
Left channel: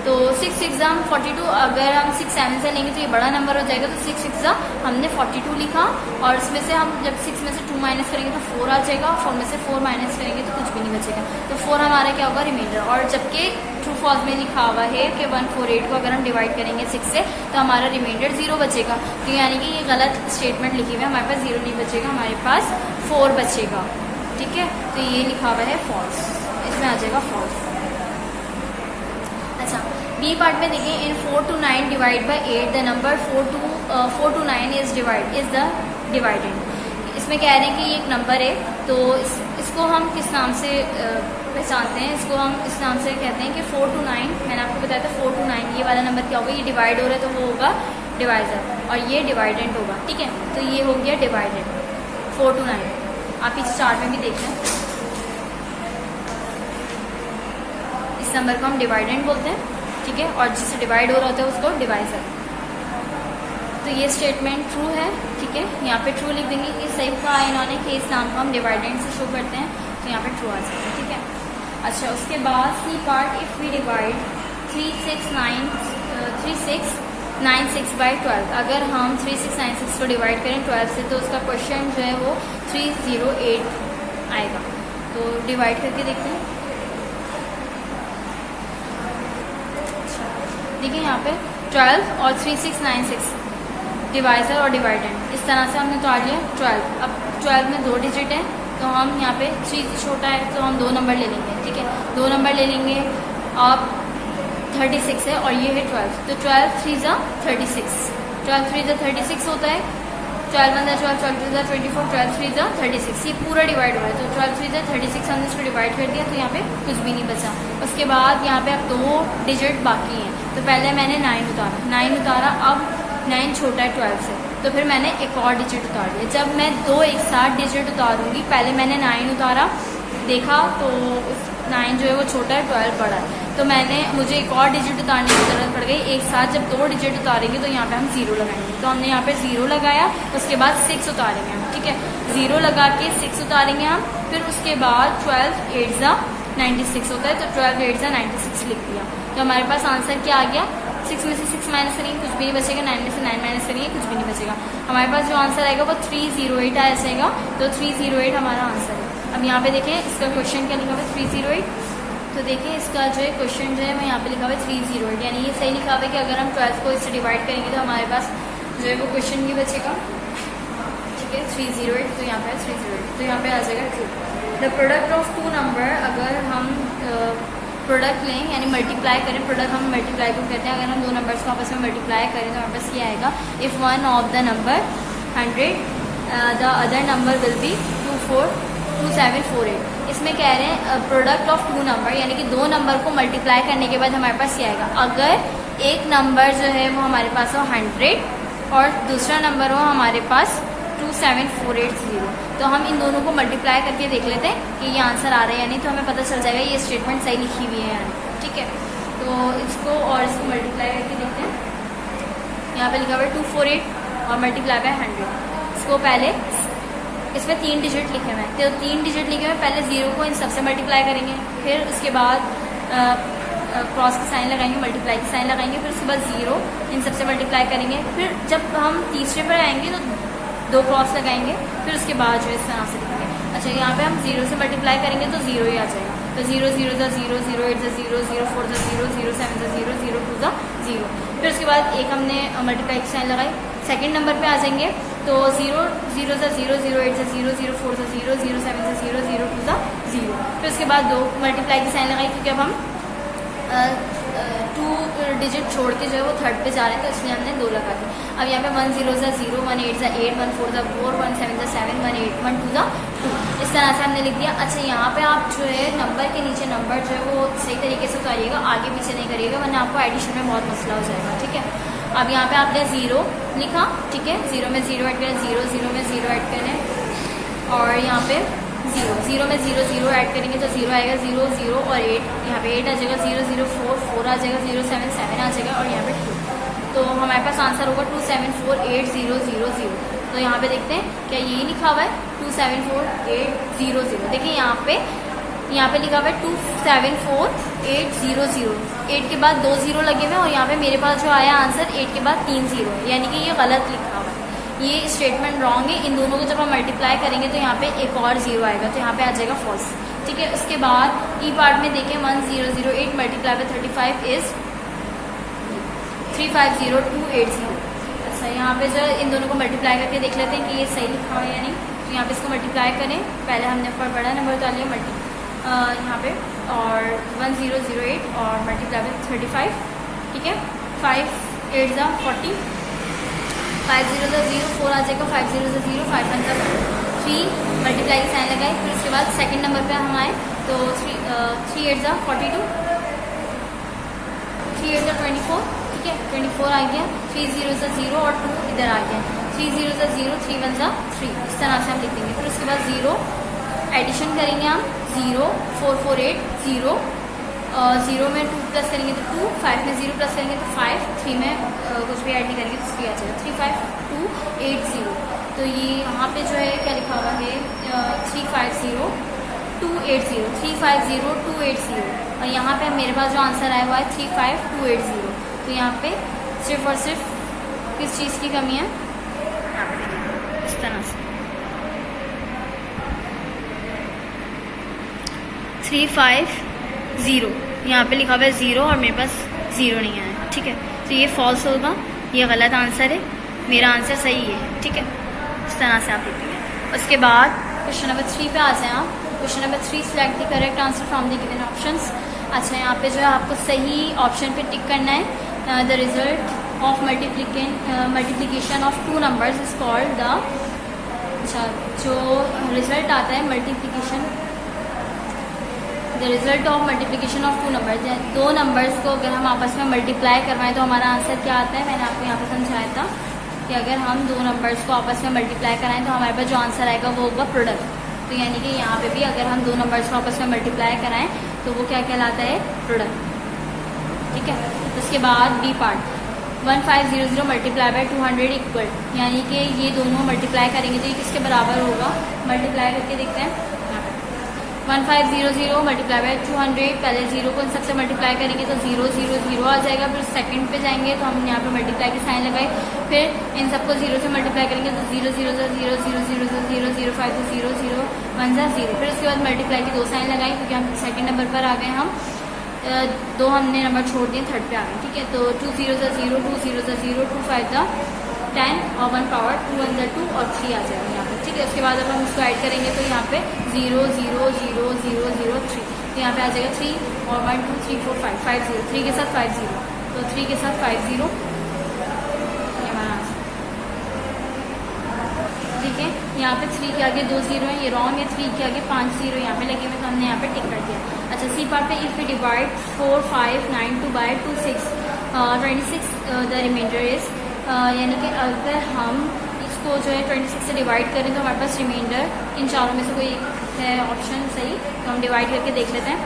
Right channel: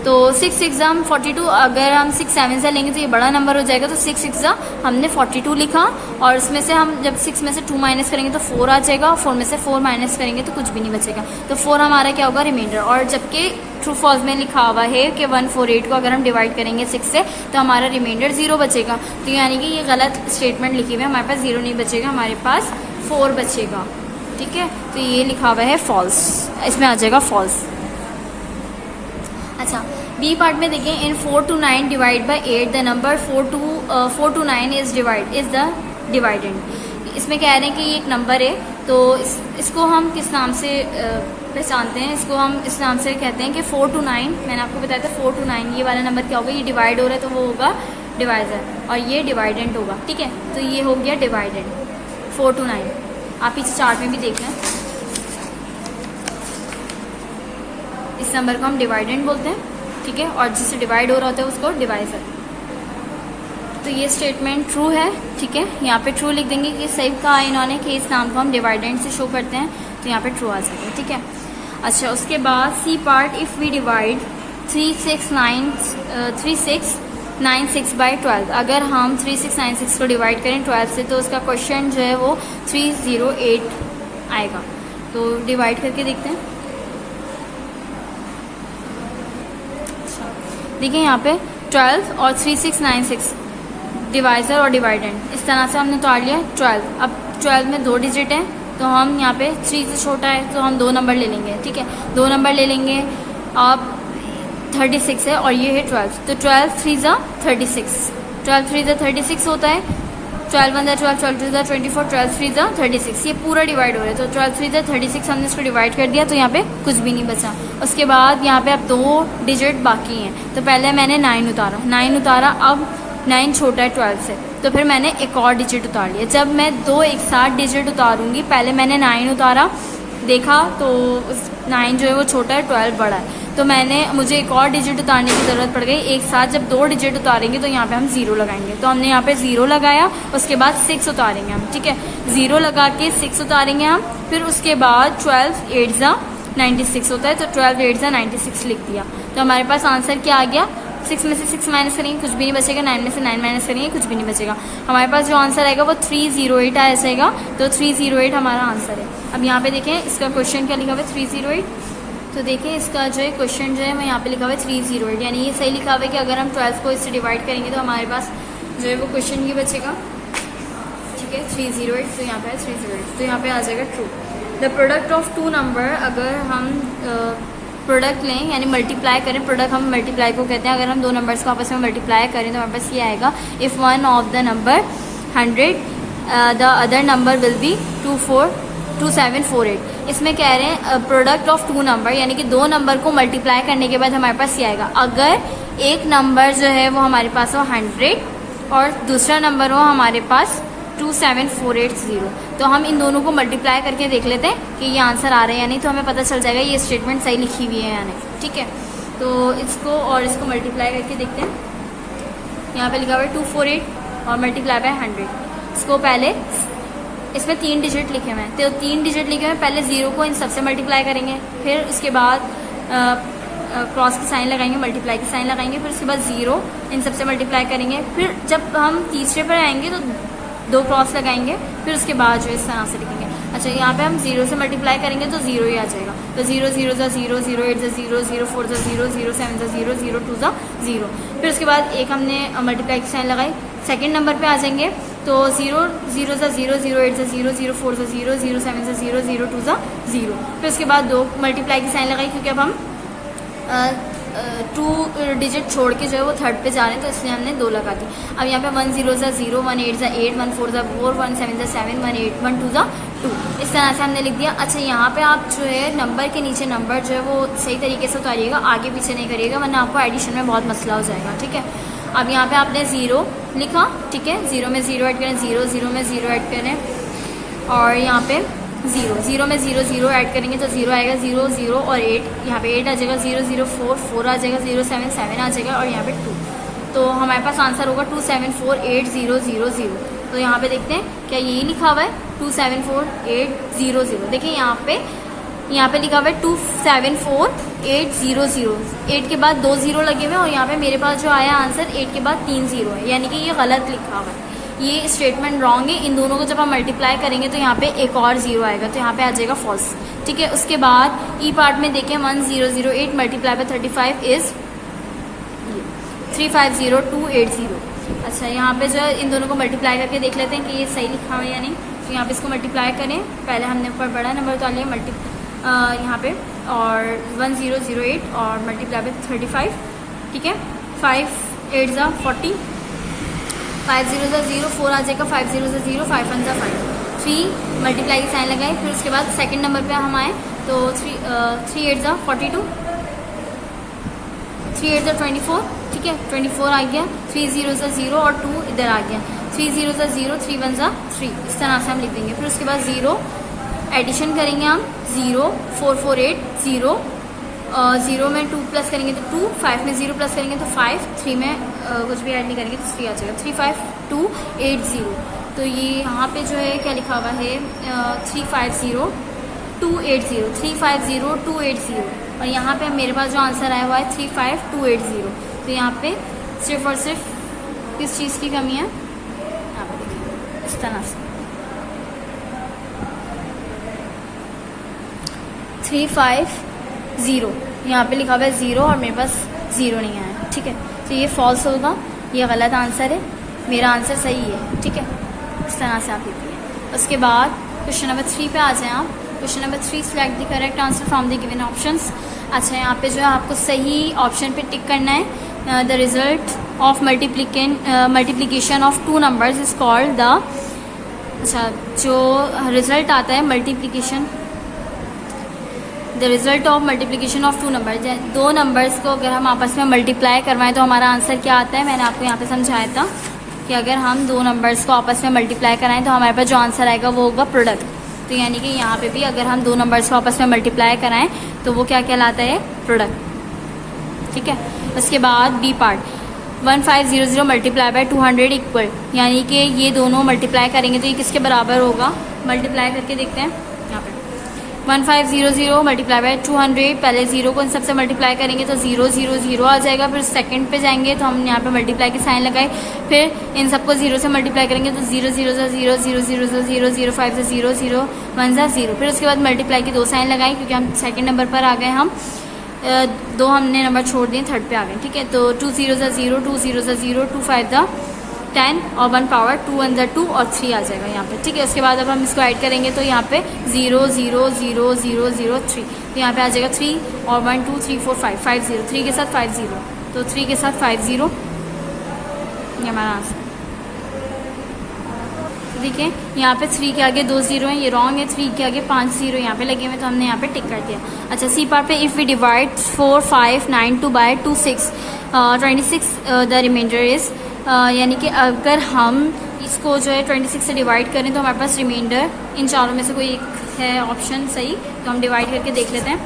तो 6 6 42। अगर हम 6 7 से लेंगे तो ये बड़ा नंबर हो जाएगा, तो 6 6 हमने 42 लिखा, और इसमें से हम जब 6 में से 2 माइनस करेंगे तो 4 आ जाएगा, और 4 में से 4 माइनस करेंगे तो कुछ भी नहीं बचेगा, तो 4 हमारा क्या होगा, रिमाइंडर। और जबकि ट्रू फॉल्स में लिखा हुआ है कि 148 को अगर हम डिवाइड करेंगे 6 से तो हमारा रिमाइंडर 0 बचेगा, तो यानी कि ये गलत स्टेटमेंट लिखी हुई है, हमारे पास 0 नहीं बचेगा, हमारे पास 4 बचेगा। ठीक है, तो ये लिखा हुआ है फॉल्स, इसमें आ जाएगा फॉल्स। अच्छा, बी पार्ट में देखिए, इन 4 to 9 divide by 8 the number 4 to 9 is the dividend. इसमें कह रहे हैं कि ये एक नंबर है, तो इसको हम किस नाम से पहचानते हैं, इसको हम इस नाम से कहते हैं कि 4 to 9, मैंने आपको बताया था 4 to 9 ये वाला नंबर क्या होगा, ये डिवाइड हो रहा है तो वो होगा डिवाइजर, और ये डिवाइडेंट होगा। ठीक है, तो ये हो गया डिवाइडेंट 4 to 9। आप पीछे चार्ट में भी देख लें, इस नंबर को हम डिवाइडेंट बोलते हैं। ठीक है, और जिससे डिवाइड हो रहा होता है उसको डिवाइजर। तो ये स्टेटमेंट ट्रू है। ठीक है, यहाँ पे ट्रू लिख देंगे कि सही कहा इन्होंने कि इस नाम को हम डिवाइडेंट से शो करते हैं, तो यहाँ पे ट्रू आ जाएगा। ठीक है, अच्छा, उसके बाद C part, if we divide 3696 by 12, अगर हम 3696 को डिवाइड करें 12 से तो उसका क्वेश्चन जो है वो 308 आएगा। तो डिवाइड करके देखते हैं। देखिए यहाँ पे 12 और 3696 डिवाइजर और डिवाइडेंड, इस तरह से हमने उतार लिया 12। अब 12 में 2 डिजिट है, तो हम यहाँ पे 3 छोटा है तो हम 2 नंबर ले लेंगे। ठीक है, 2 नंबर ले लेंगे। अब 36 है और ये है 12, तो 12 3 36, 12 3 36 होता है। 12 1 12, 12 2 24, 12 3 36, ये पूरा डिवाइड हो रहा है, तो 12 3 36 हमने इसको डिवाइड कर दिया, तो यहाँ पे कुछ भी नहीं बचा। उसके बाद यहाँ पे अब 2 डिजिट बाकी हैं, तो पहले मैंने 9 उतारा, अब 9 छोटा है 12 से, तो फिर मैंने एक और डिजिट उतार लिया। जब मैं 2 एक साथ डिजिट उतारूंगी, पहले मैंने 9 उतारा, देखा तो 9 जो है वो छोटा है, 12 बड़ा है, तो मुझे एक और डिजिट उतारने की ज़रूरत पड़ गई। एक साथ जब 2 डिजिट उतारेंगे तो यहाँ पे हम 0 लगाएंगे, तो हमने यहाँ पे 0 लगाया, उसके बाद 6 उतारेंगे हम। ठीक है, 0 लगा के 6 उतारेंगे हम, फिर उसके बाद 12 8 96 होता है, तो 12 8 96 लिख दिया, तो हमारे पास आंसर क्या आ गया। 6 में से 6 माइनस करेंगे कुछ भी नहीं बचेगा, 9 में से 9 माइनस करेंगे कुछ भी नहीं बचेगा। हमारे पास जो आंसर आएगा वो 308 आ जाएगा, तो 308 हमारा आंसर है। अब यहाँ पे देखें इसका क्वेश्चन क्या लिखा हुआ है 308, तो देखिए इसका जो है क्वेश्चन जो है वो यहाँ पे लिखा हुआ है 308, यानी ये सही लिखा हुआ है कि अगर हम 12 को इससे डिवाइड करेंगे तो हमारे पास जो है वो क्वेश्चन भी बचेगा। ठीक है, 308, तो यहाँ पे 308, तो यहाँ पे आ जाएगा true. The product of 2 number, अगर हम प्रोडक्ट लें यानी मल्टीप्लाई करें, प्रोडक्ट हम मल्टीप्लाई को कहते हैं, अगर हम 2 नंबर्स को आपस में मल्टीप्लाई करें तो हमारे पास ये आएगा, if one of the number 100 the other number will be 2748। इसमें कह रहे हैं प्रोडक्ट ऑफ 2 नंबर, यानी कि 2 नंबर को मल्टीप्लाई करने के बाद हमारे पास ये आएगा, अगर एक नंबर जो है वो हमारे पास हो 100 और दूसरा नंबर हो हमारे पास 27480। तो हम इन दोनों को मल्टीप्लाई करके देख लेते हैं कि ये आंसर आ रहा है या नहीं, तो हमें पता चल जाएगा ये स्टेटमेंट सही लिखी हुई है या नहीं। ठीक है, तो इसको और इसको मल्टीप्लाई करके देखते हैं। यहाँ पे लिखा हुआ है 248 और मल्टीप्लाई बाय 100। इसको पहले इसमें 3 डिजिट लिखे हुए हैं, तो 3 डिजिट लिखे हुए पहले 0 को इन सबसे मल्टीप्लाई करेंगे, फिर उसके बाद क्रॉस की साइन लगाएंगे, मल्टीप्लाई की साइन लगाएंगे, फिर उसके बाद 0 इन सबसे मल्टीप्लाई करेंगे। फिर जब हम तीसरे पर आएंगे तो 2 क्रॉस लगाएंगे, फिर उसके बाद जो इस तरह से लिखेंगे। अच्छा, यहाँ पे हम 0 से मल्टीप्लाई करेंगे तो 0 ही आ जाएगा। तो 0 0 ज़ा 0, 0 8 ज़ा 0, 0 4 ज़ा 0, 0 7 ज़ा 0, 0 2 ज़ा 0। फिर उसके बाद एक हमने मल्टीप्लाई की साइन लगाई, सेकंड नंबर पे आ जाएंगे तो 0 0 ज़ा 0, 0 8 ज़ा 0, 0 4 ज़ा 0, 0 7 ज़ा 0, 0 2 ज़ा 0। फिर उसके बाद 2 मल्टीप्लाई की साइन लगाई, क्योंकि अब हम 2 डिजिट छोड़ के जो है वो थर्ड पे जा रहे हैं, तो इसलिए हमने 2 लगा दी। अब यहाँ पे 1 0 ज़ा 0, 1 8 ज़ा 8, 1 4 ज़ा 4, 1 7 ज़ा 7, 1 8 1 2 ज़ा 2। इस तरह से हमने लिख दिया। अच्छा, यहाँ पे आप जो है नंबर के नीचे नंबर जो है वो सही तरीके से उतारिएगा, आगे पीछे नहीं करिएगा, वरना आपको एडिशन में बहुत मसला हो जाएगा। ठीक है, अब यहाँ पे आपने 0 लिखा, ठीक है, 0 में 0 ऐड करें, 0 0 में 0 ऐड करें, और यहाँ पे 0 0 में 0 0 ऐड करेंगे तो 0 आएगा, 0 0 और 8, यहाँ पे 8 आ जाएगा, 0 0 4 4 आ जाएगा, 0 7 7 आ जाएगा, और यहाँ पे 2। तो हमारे पास आंसर होगा 2748000। तो यहाँ पे देखते हैं क्या यही लिखा हुआ है 2748000। देखिए यहाँ पे लिखा हुआ है 2748000, 8 के बाद 2 0 लगे हुए, और यहाँ पे मेरे पास जो आया आंसर 8 के बाद 3 0 है, यानी कि ये गलत लिखा हुआ है, ये स्टेटमेंट रॉन्ग है। इन दोनों को जब हम मल्टीप्लाई करेंगे तो यहाँ पे एक और 0 आएगा, तो यहाँ पे आ जाएगा फॉल्स। ठीक है, उसके बाद ई पार्ट में देखें 1008 मल्टीप्लाई बाय 35 इज 350280। अच्छा, यहाँ पे जो इन दोनों को मल्टीप्लाई करके देख लेते हैं कि ये सही लिखा है या नहीं। तो यहाँ पे इसको मल्टीप्लाई करें, पहले हमने ऊपर बड़ा नंबर उतार लिया यहाँ पे, और 1008 और मल्टीप्लाई बाय 35। ठीक है, 5 8 ज़ा 40, 5 0 ज़ा 0, 4 आ जाएगा, 5 0 ज़ा 0, 5 1 ज़ा 5, 3 मल्टीप्लाई की साइन लगाए। फिर उसके बाद सेकंड नंबर पे हम आए तो 3 8 ज़ा 42, 3 8 ज़ा 24। ठीक है, 24 आ गया, 3 0 ज़ा 0 और 2 इधर आ गया, 3 0 ज़ा 0, 3 1 ज़ा 3। इस तरह से हम लिख देंगे। फिर उसके बाद 0 एडिशन करेंगे हम, 0 4 4 8 0, 0 में 2 प्लस करेंगे तो 2, 5 में 0 प्लस करेंगे तो 5, 3 में कुछ भी ऐड नहीं करेंगे तो 3 आ जाएगा, 35280। तो ये यहाँ पे जो है क्या लिखा हुआ है 350280, 350280, और यहाँ पे मेरे पास जो आंसर आया हुआ है 35280। तो यहाँ पे सिर्फ और सिर्फ किस चीज़ की कमी है, यहाँ पे देखिए इस तरह से 350, यहाँ पे लिखा हुआ है 0 और मेरे पास 0 नहीं आया। ठीक है, तो ये फॉल्स होगा, ये गलत आंसर है, मेरा आंसर सही है। ठीक है, इस तरह से आप लिखिए। उसके बाद क्वेश्चन नंबर 3 पे आ जाएं आप। Question number 3, select the correct answer from the given options. अच्छा, यहाँ पे जो है आपको सही ऑप्शन पे टिक करना है। The result of multiplication of 2 numbers is called the, अच्छा जो रिजल्ट आता है multiplication, the result of multiplication of 2 numbers, 2 numbers को अगर हम आपस में मल्टीप्लाई करवाएं तो हमारा आंसर क्या आता है। मैंने आपको यहाँ पे समझाया था कि अगर हम 2 नंबर्स को आपस में मल्टीप्लाई कराएं तो हमारे पास जो आंसर आएगा वो होगा प्रोडक्ट। तो यानी कि यहाँ पे भी अगर हम 2 नंबर्स को आपस में मल्टीप्लाई कराएं तो वो क्या कहलाता है, प्रोडक्ट। ठीक है, उसके बाद B part, 1500 multiply by 200 equal, यानी कि ये दोनों मल्टीप्लाई करेंगे तो ये किसके बराबर होगा। मल्टीप्लाई करके देखते हैं, 1500 मल्टीप्लाई बाय 200, पहले 0 को इन सबसे मल्टीप्लाई करेंगे तो 0 0 0 आ जाएगा। फिर सेकंड पे जाएंगे तो हम यहाँ पे मल्टीप्लाई की साइन लगाए, फिर इन सबको 0 से मल्टीप्लाई करेंगे तो 0 0 0 0 0 0 0 0 5 0 0 1 0। फिर उसके बाद मल्टीप्लाई की 2 साइन लगाए, क्योंकि हम सेकंड नंबर पर आ गए, हम 2 हमने नंबर छोड़ दिए, थर्ड पे आ गए। ठीक है, तो 2 0 0 2 0 0 2 5 10 और 1 पावर 2 1 2 और 3 आ जाएगा यहाँ पे। ठीक है, उसके बाद अब हम इसको ऐड करेंगे तो यहाँ पे 0 0 0 0 0 3, तो यहाँ पे आ जाएगा 3 और 1 2 3 4 5 5 0, 3 के साथ 5 0, तो 3 के साथ 5 0, ये हमारा आंसर। देखिए यहाँ पे 3 के आगे 2 0 है, ये रॉन्ग है, 3 के आगे 5 0 यहाँ पे लगे हुए, तो हमने यहाँ पे टिक कर दिया। अच्छा, सी पार्ट पे, if we divide 4 5 9 2 by 2 6 26, the remainder is यानी कि अगर हम इसको जो है 26 से डिवाइड करें तो हमारे पास रिमाइंडर इन चारों में से कोई एक है ऑप्शन सही, तो हम डिवाइड करके देख लेते हैं।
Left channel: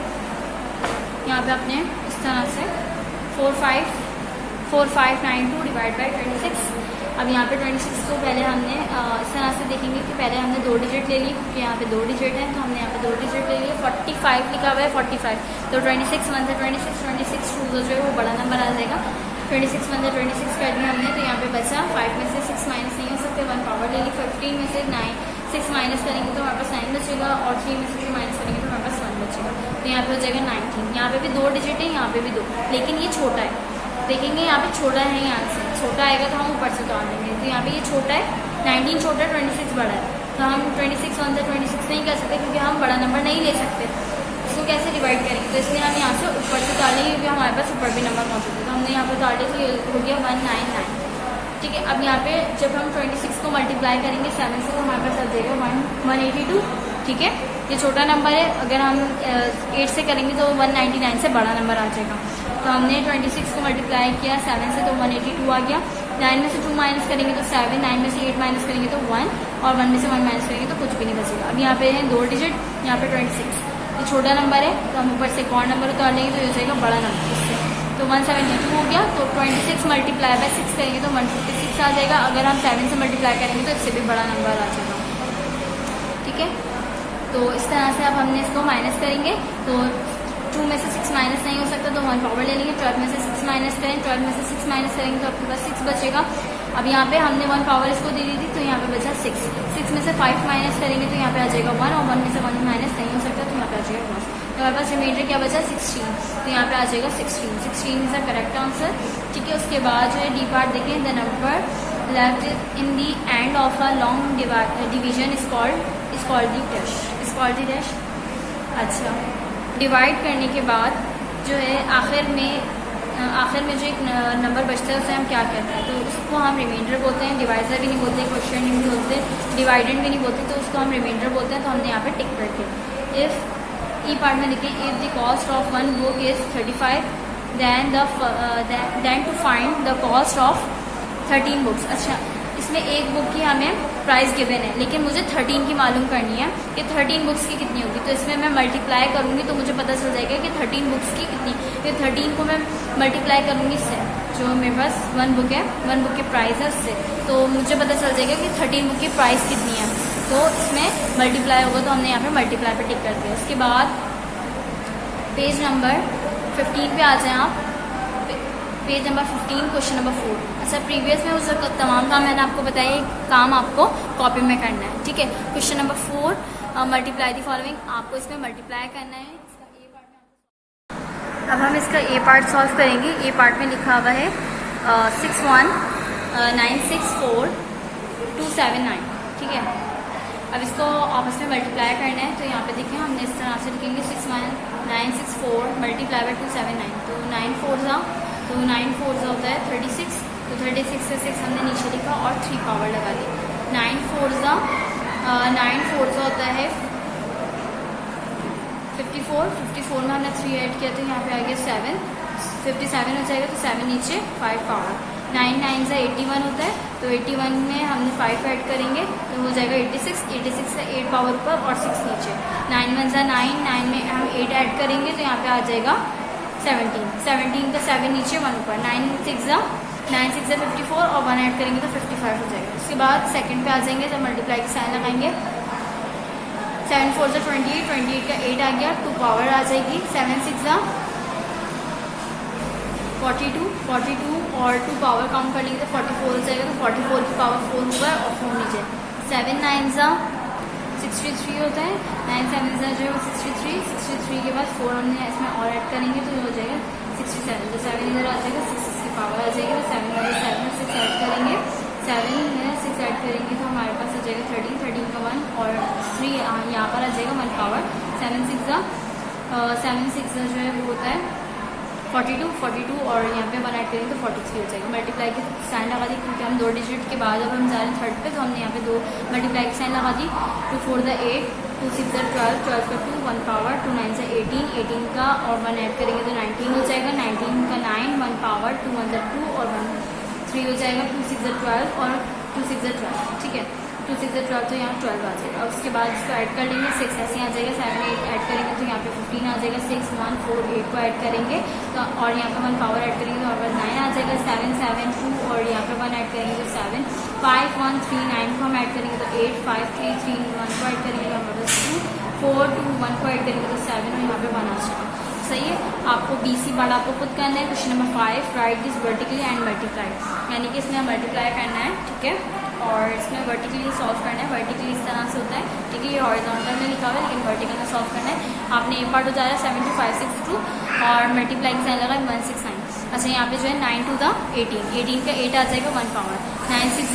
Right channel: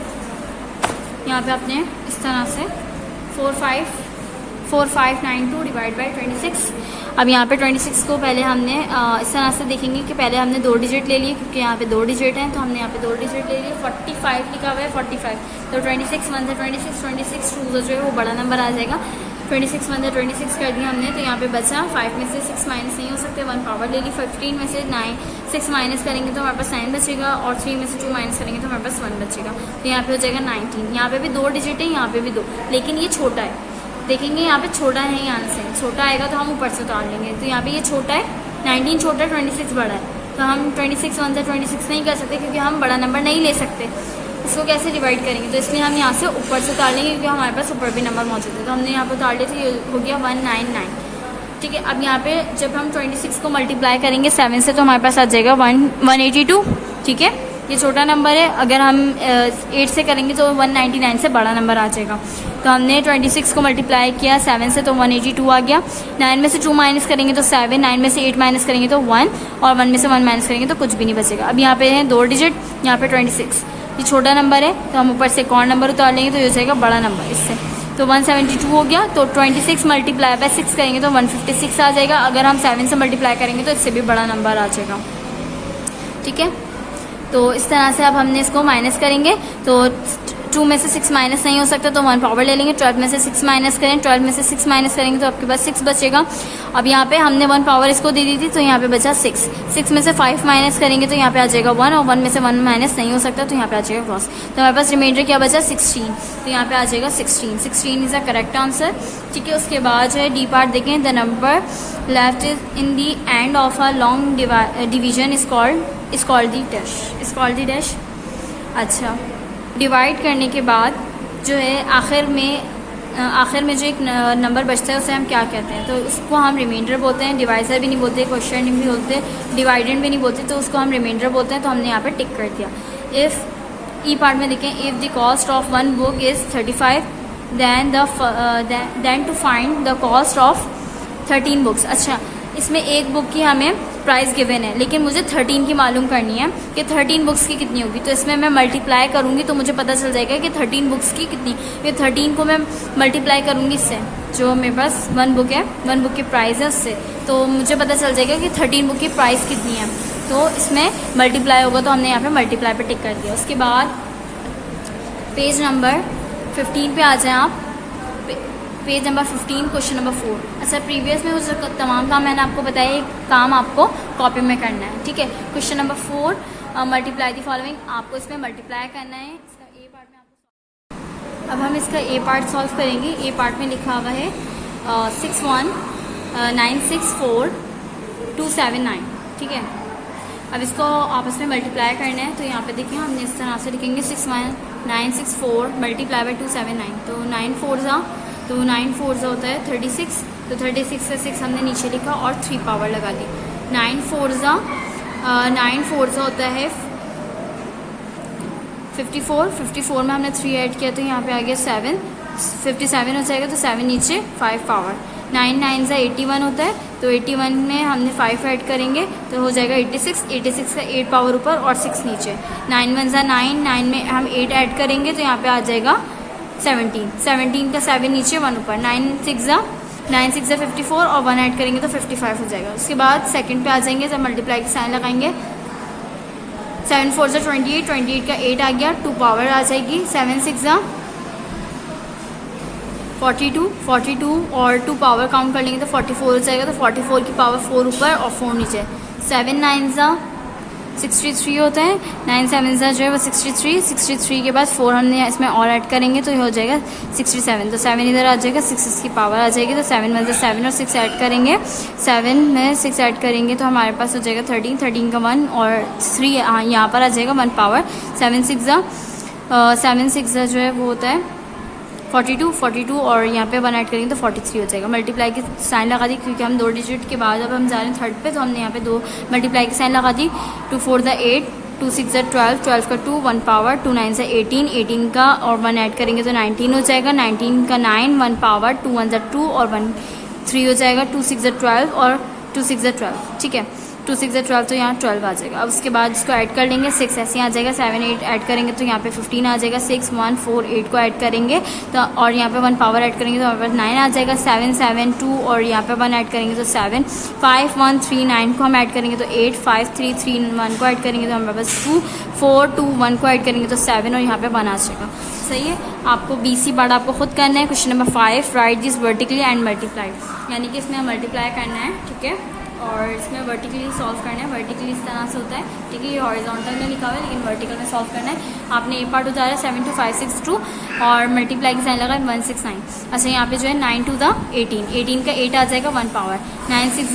यहाँ पे आपने इस तरह से 4592 डिवाइड बाई 26। अब यहाँ पे 26 को पहले हमने इस तरह से देखेंगे कि पहले हमने 2 डिजिट ले लिए, क्योंकि यहाँ पे 2 डिजिट हैं तो हमने यहाँ पे 2 डिजिट ले लिए। 45 लिखा हुआ है 45, तो 26 1 26 2 जो है वो बड़ा नंबर आ जाएगा। 26 1 26 कर दिया हमने, तो यहाँ पे बचा 5 में से 6 माइनस नहीं हो सकते, 1 पावर ले ली। 15 में से 6 माइनस करेंगे तो हमारे पास 9 बचेगा, और 3 में से 2 माइनस करेंगे तो हमारे पास 1 बचेगा। तो यहाँ पे हो जाएगा 19। यहाँ पे भी 2 डिजिट है, यहाँ पे भी 2, लेकिन ये छोटा है। देखेंगे यहाँ पे छोटा नहीं आंसर, छोटा आएगा तो हम ऊपर से उतार लेंगे। तो यहाँ पे ये छोटा है, 19 छोटा है, 26 बड़ा है, तो हम 26 1 26 नहीं कर सकते क्योंकि हम बड़ा नंबर नहीं ले सकते। इसको कैसे डिवाइड करेंगे, तो इसमें हम यहाँ से ऊपर से उतार लेंगे क्योंकि हमारे पास ऊपर भी नंबर मौजूद है। तो हमने यहाँ पर उतार लिया, तो ये हो गया 199। ठीक है, अब यहाँ पे जब हम 26 को मल्टीप्लाई करेंगे 7 से तो हमारे पास आ जाएगा 182। ठीक है, ये छोटा नंबर है, अगर हम 8 से करेंगे तो 199 से बड़ा नंबर आ जाएगा। तो हमने 26 को मल्टीप्लाई किया 7 से तो 182 आ गया। 9 में से 2 माइनस करेंगे तो 7, 9 में से 8 माइनस करेंगे तो 1, और 1 में से 1 माइनस करेंगे तो कुछ भी नहीं बचेगा। अब यहाँ पे है 2 डिजिट, यहाँ पे 26, ये छोटा नंबर है तो हम ऊपर से एक और नंबर उतार लेंगे तो ये हो जाएगा बड़ा नंबर इससे। तो 172 हो गया, तो 26 मल्टीप्लाई बाय 6 करेंगे तो 156 आ जाएगा। अगर हम 7 से मल्टीप्लाई करेंगे तो इससे भी बड़ा नंबर आ जाएगा। ठीक है, तो इस तरह से अब हमने इसको माइनस करेंगे, तो 2 में से 6 माइनस नहीं हो सकता तो 1 पावर ले लेंगे। 12 में से 6 माइनस करें, 12 में से 6 माइनस करेंगे तो आपके पास 6 बचेगा। अब यहाँ पे हमने 1 पावर इसको दे दी थी तो यहाँ पे बचा 6। 6 में से 5 माइनस करेंगे तो यहाँ पे आ जाएगा 1, और 1 में से 1 माइनस नहीं हो सकता तो यहाँ पे आ जाएगा क्रॉस। तो हमारे पास रिमाइंडर क्या बचा 16, तो यहाँ पे आ जाएगा 16। 16 इज द करेक्ट आंसर। ठीक है, उसके बाद जो है डी पार्ट देखें, the number left is in the end of a long division is called the dash. अच्छा, डिवाइड करने के बाद जो है आखिर में जो एक नंबर बचता है उसे हम क्या कहते हैं, तो उसको हम रिमाइंडर बोलते हैं। डिवाइजर भी नहीं बोलते, क्वेश्चन भी बोलते, डिवाइडेंड भी नहीं बोलते, तो उसको हम रिमाइंडर बोलते हैं। तो हमने यहाँ पे टिक कर दिया। इफ़ ई पार्ट में देखें, if the cost of 1 book is 35 then to find the cost of 13 books. अच्छा, इसमें एक बुक की हमें प्राइस गिवन है, लेकिन मुझे 13 की मालूम करनी है कि 13 बुक्स की कितनी होगी। तो इसमें मैं मल्टीप्लाई करूंगी तो मुझे पता चल जाएगा कि 13 बुक्स की कितनी। ये 13 को मैं मल्टीप्लाई करूंगी इससे, जो मेरे पास 1 बुक है, 1 बुक की प्राइस है उससे, तो मुझे पता चल जाएगा कि 13 बुक की प्राइस कितनी है। तो इसमें मल्टीप्लाई होगा, तो हमने यहाँ पे मल्टीप्लाई पे टिक कर दिया। उसके बाद पेज नंबर 15 पे आ जाए आप। Page number 15, question number 4। अच्छा, प्रीवियस में उस तमाम काम मैंने आपको बताया, एक काम आपको कॉपी में करना है। ठीक है, question number 4, multiply the following, आपको इसमें मल्टीप्लाई करना है। इसका ए पार्ट में आपको, अब हम इसका ए पार्ट सॉल्व करेंगे। ए पार्ट में लिखा हुआ है 61964279। ठीक है, अब इसको आपस में मल्टीप्लाई करना है। तो यहाँ पे देखिए हमने इस तरह से लिखेंगे 61964 मल्टीप्लाई बाय 279, तो 9 4 जा, तो 9 4 होता है 36, तो 36 से 6 हमने नीचे लिखा और 3 पावर लगा दी। 9 4 होता है 54, 54 में हमने 3 ऐड किया तो यहाँ पे आ गया 7, 57 हो जाएगा, तो 7 नीचे 5 पावर। 9 9 81 होता है, तो 81 में हमने 5 ऐड करेंगे तो हो जाएगा 86, 86 से 8 पावर ऊपर और 6 नीचे। 9 1 9, 9 में हम 8 ऐड करेंगे तो यहाँ पे आ जाएगा 17, 17 का 7 नीचे 1 ऊपर। 9 6 54 और 1 ऐड करेंगे तो 55 हो जाएगा। उसके बाद सेकंड पे आ जाएंगे, जब मल्टीप्लाई का साइन लगाएंगे 7 4 28, 28 का 8 आ गया, 2 पावर आ जाएगी। 7 6 42, 42 और 2 पावर काउंट कर लेंगे तो 44 हो जाएगा, तो 44 की पावर 4 ऊपर और 4 नीचे। 7 9 63 होता है, 9 7 जो है वो 63, 63 के बाद 4 हमने इसमें और ऐड करेंगे तो ये हो जाएगा 67, तो 7 इधर आ जाएगा, 6 की पावर आ जाएगी, तो 7 1 7 और 6 ऐड करेंगे। 7 में 6 ऐड करेंगे तो हमारे पास हो जाएगा 13, 13 का 1 और 3 यहाँ पर आ जाएगा 1 पावर। 7 6 जो है वो होता है 42, 42 और यहाँ पे 1 ऐड करेंगे तो 43 हो जाएगा। मल्टीप्लाई की साइन लगा दी क्योंकि हम 2 डिजिट के बाद अब हम जा रहे हैं थर्ड पे, तो हमने यहाँ पे 2 मल्टीप्लाई की साइन लगा दी। 2 4 8, 2 6 12, 12 का 2, 1 पावर, 2 9 18, 18 का और 1 ऐड करेंगे तो 19 हो जाएगा। 19 का 9, 1 पावर, 2 1 2 और 1 3 हो जाएगा, 2 6 12 और 2 6 12, ठीक है। 2 6 12 तो यहाँ 12 आ जाएगा। अब उसके बाद इसको ऐड कर लेंगे, 6 ऐसे आ जाएगा, 7 8 ऐड करेंगे तो यहाँ पे 15 आ जाएगा, 6 1 4 8 को ऐड करेंगे तो और यहाँ पे 1 पावर ऐड करेंगे तो हमारे पास 9 आ जाएगा, 7 7 2 और यहाँ पे 1 ऐड करेंगे तो 7, 5 1 3 9 को हम ऐड करेंगे तो 8, 5 3 3 1 को ऐड करेंगे तो हमारे पास 2, 4 2 1 को ऐड करेंगे तो 7 और यहाँ पे 1 आ जाएगा। सही है। आपको BC पार्ट आपको खुद करना है। Question number 5, right this vertically and multiply, यानी कि इसमें मल्टीप्लाई करना है, ठीक है, और इसमें वर्टिकली सॉल्व करना है। वर्टिकली इस तरह से होता है, ठीक है, ये हॉरिजॉन्टल में लिखा हुआ है लेकिन वर्टिकल में सॉल्व करना है। आपने एक पार्ट उतारा 7 2 5 6 2 और मल्टीप्लाई की साइन लगा 1 6 9। अच्छा यहाँ पे जो है 9 2 18, 18 का 8 आ जाएगा, 1 पावर, 9 6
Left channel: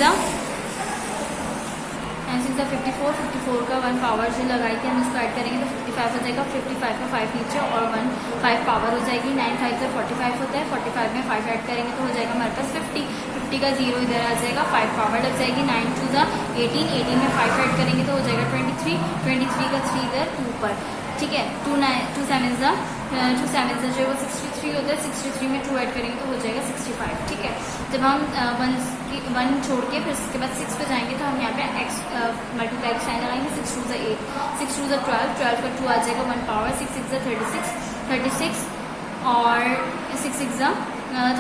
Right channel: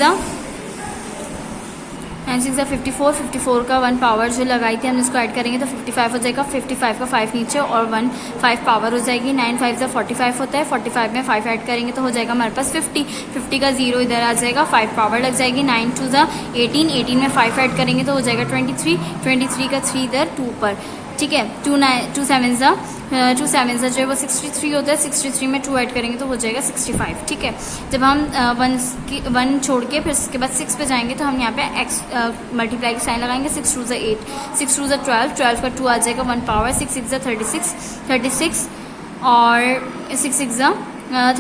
54, 54 का 1 पावर जो लगाई थी हम इसको ऐड करेंगे तो 55 हो जाएगा, 55 का 5 नीचे और 1 5 पावर हो जाएगी, 9 5 से 45 होता है, 45 में 5 ऐड करेंगे तो हो जाएगा हमारे पास 50, 50 का 0 इधर आ जाएगा, 5 पावर लग जाएगी, 9 2 18, 18 में 5 ऐड करेंगे तो हो जाएगा 23, 23 का 3 इधर 2 पर, ठीक है, 2 7 जो है वो 63 होता है, 63 में 2 ऐड करेंगे तो हो जाएगा 65, ठीक है। जब हम 1 छोड़ के फिर उसके बाद 6 पे जाएंगे तो हम यहाँ पे x मल्टीप्लाई की साइन लगाएंगे, 6 2 8, 6 2 12, 12 का 2 आ जाएगा, 1 पावर, 6 6 36, 36 और 6 6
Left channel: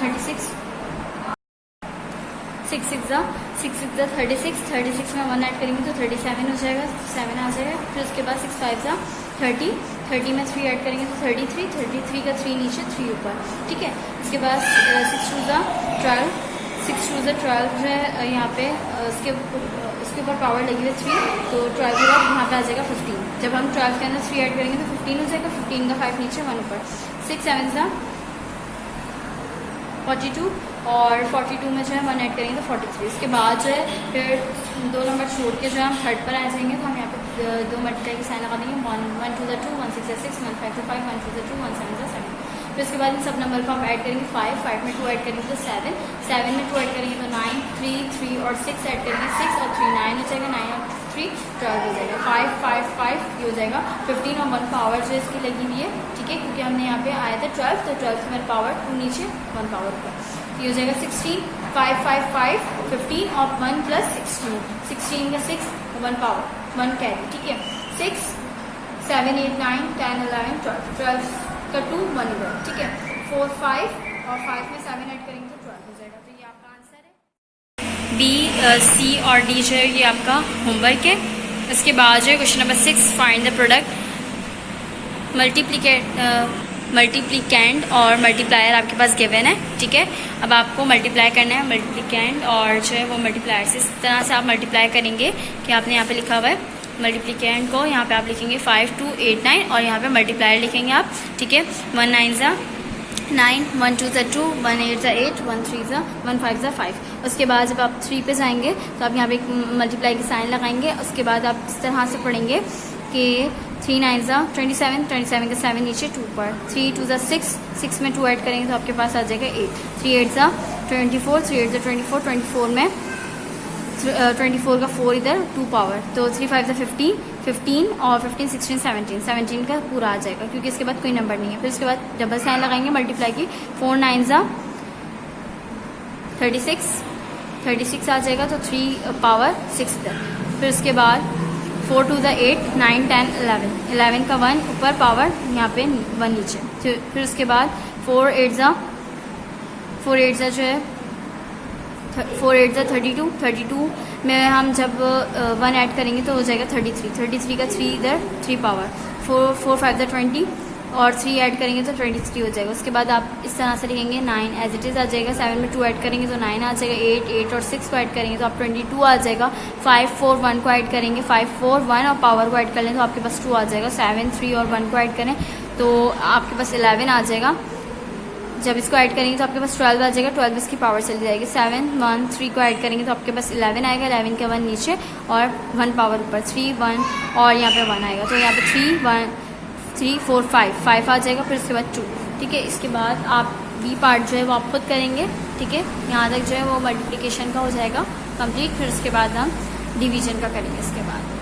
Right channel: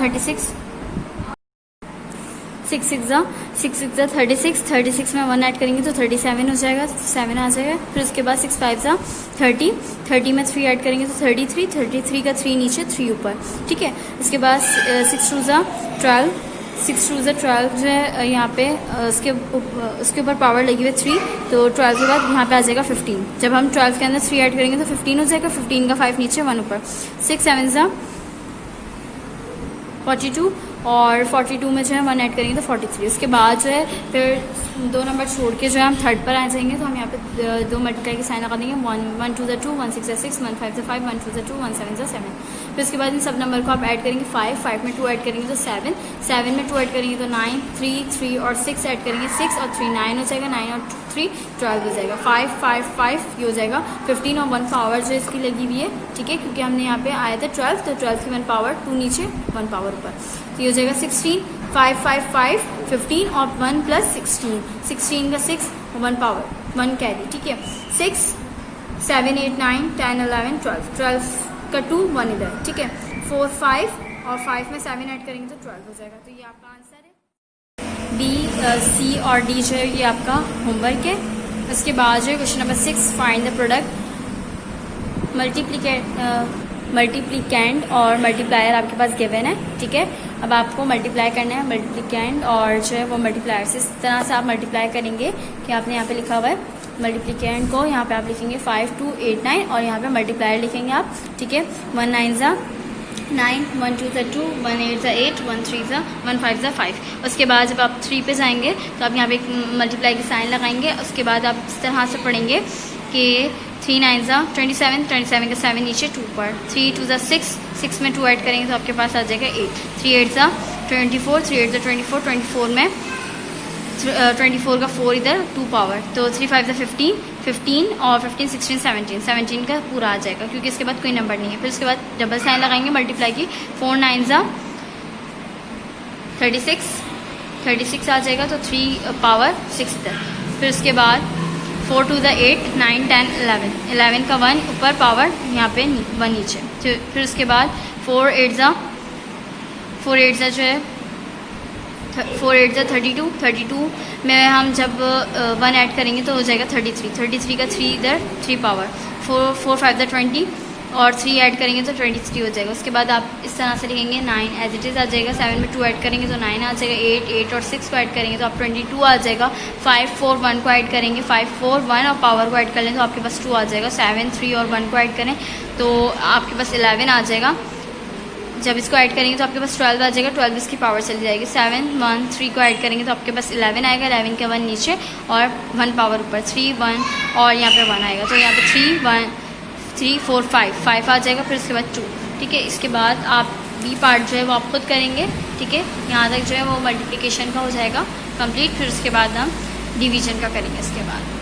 36, 6 6 36, 36 में 1 ऐड करेंगे तो 37 हो जाएगा, 7 आ जाएगा। फिर उसके बाद 6 5 30, 30 में 3 ऐड करेंगे तो 33, 33 का 3 नीचे 3 ऊपर, ठीक है। इसके बाद 6 2 12, 6 2 12 जो है यहाँ पे उसके ऊपर पावर लगी हुई है 3, तो 12 के बाद यहाँ पे आ जाएगा 15। जब हम 12 के अंदर 3 ऐड करेंगे तो 15 हो जाएगा, 15 का 5 नीचे 1 ऊपर, 6 7 42 और 42 में जो है 1 ऐड करेंगे तो 43। उसके बाद जो है फिर 2 नंबर छोड़ के जो है हम 3rd पर आ जाएंगे तो हम यहाँ पे 2 मल्टीप्लाई की साइन लगा देंगे, 1 2 2, 1 6 6, 1 5 5, 1 2 2, 1 7 7। फिर उसके बाद इन सब नंबर को आप ऐड करेंगे 5 में 2 ऐड करेंगे तो 7, 7 में 2 ऐड करेंगे तो 9, 3 और 6 ऐड करेंगे 6 और 3 9 हो जाएगा, 9 और 3 12 हो जाएगा, 5 5 5 ये हो जाएगा 15 और 1 पावर जो इसकी लगी हुई है, ठीक है, क्योंकि हमने यहाँ पे आया था 12 तो 12 की 1 पावर 2 नीचे 1 पावर ऊपर, तो ये हो जाएगा 16 5 5 5 15 और 1 प्लस 16, 16 का 6 1 पावर 1 कैरी, ठीक है, 6 7 8 9 10 11 12, 12 का 2 1 इधर, ठीक है, 4 5 और 5 में 7 ऐड करेंगे तो 12 हो जाएगा। तो ये आपका आंसर है। B, C और D जो है ये आपका होमवर्क है। उसके बाद जो है question number 6, find the product. Multiplicand और मल्टीप्लायर आपके पास गिवन है, ठीक है। अब आपको मल्टीप्लाई करना है मल्टीप्लिकेंड और जो है वो मल्टीप्लायर से, इस तरह से आप मल्टीप्लाई करेंगे कि आपने यहाँ पे लिखा हुआ है मल्टीप्लिकेंड को, यहाँ पे आप लिखेंगे 5 2 8 9 और यहाँ पे मल्टीप्लायर लिखेंगे आप, ठीक है, 1 9 9, 1 2 2, 1 8 8, 1 3 1 5 5। उसके बाद जब आप 3 पे जाएंगे तो आप यहाँ पे एक मल्टीप्लाई की साइन लगाएंगे। उसके बाद आप इस तरह से पढ़ेंगे कि 3 9 27, 27 का 7 नीचे 2 पर, 3 2 6, 6 में 2 ऐड करेंगे तो आपके पास आ जाएगा 8, 3 8 24, 3 8 24, 24 में 24 का 4 इधर 2 पावर, तो 3 5 15, 15 और 15 16 17, 17 का पूरा आ जाएगा क्योंकि इसके बाद कोई नंबर नहीं है। फिर उसके बाद डबल साइन लगाएंगे मल्टीप्लाई की, 4 9 36 आ जाएगा तो 3 पावर 6 इधर। फिर उसके बाद 4 2 8 9 10 11 का 1 ऊपर पावर यहाँ पे 1 नीचे। फिर उसके बाद 4 8 जो है 4 8 32 में हम जब 1 ऐड करेंगे तो हो जाएगा 33 का 3 इधर 3 पावर, 4 5 20 और 3 ऐड करेंगे तो 23 हो जाएगा। उसके बाद आप इस तरह से लिखेंगे 9 एज इट इज़ आ जाएगा, 7 में 2 ऐड करेंगे तो 9 आ जाएगा, 8 और 6 को ऐड करेंगे तो आप 22 आ जाएगा, 5 4 1 को ऐड करेंगे, 5 4 1 और पावर को ऐड कर लें तो आपके पास 2 आ जाएगा, 7 3 और 1 को ऐड करें तो आपके पास 11 आ जाएगा। जब इसको ऐड करेंगे तो आपके पास 12 आ जाएगा, 12 इसकी पावर चली जाएगी, 7 1 3 को ऐड करेंगे तो आपके पास 11 आएगा, 11 का 1 नीचे और 1 पावर ऊपर, 3 1 और यहाँ पे 1 आएगा तो यहाँ पे 3 4 5 आ जाएगा। फिर उसके बाद 2, ठीक है। इसके बाद आप बी पार्ट जो है वो आप खुद करेंगे, ठीक है, यहाँ तक जो है वो मल्टीप्लिकेशन का हो जाएगा कंप्लीट। फिर उसके बाद हम डिवीजन का करेंगे इसके बाद।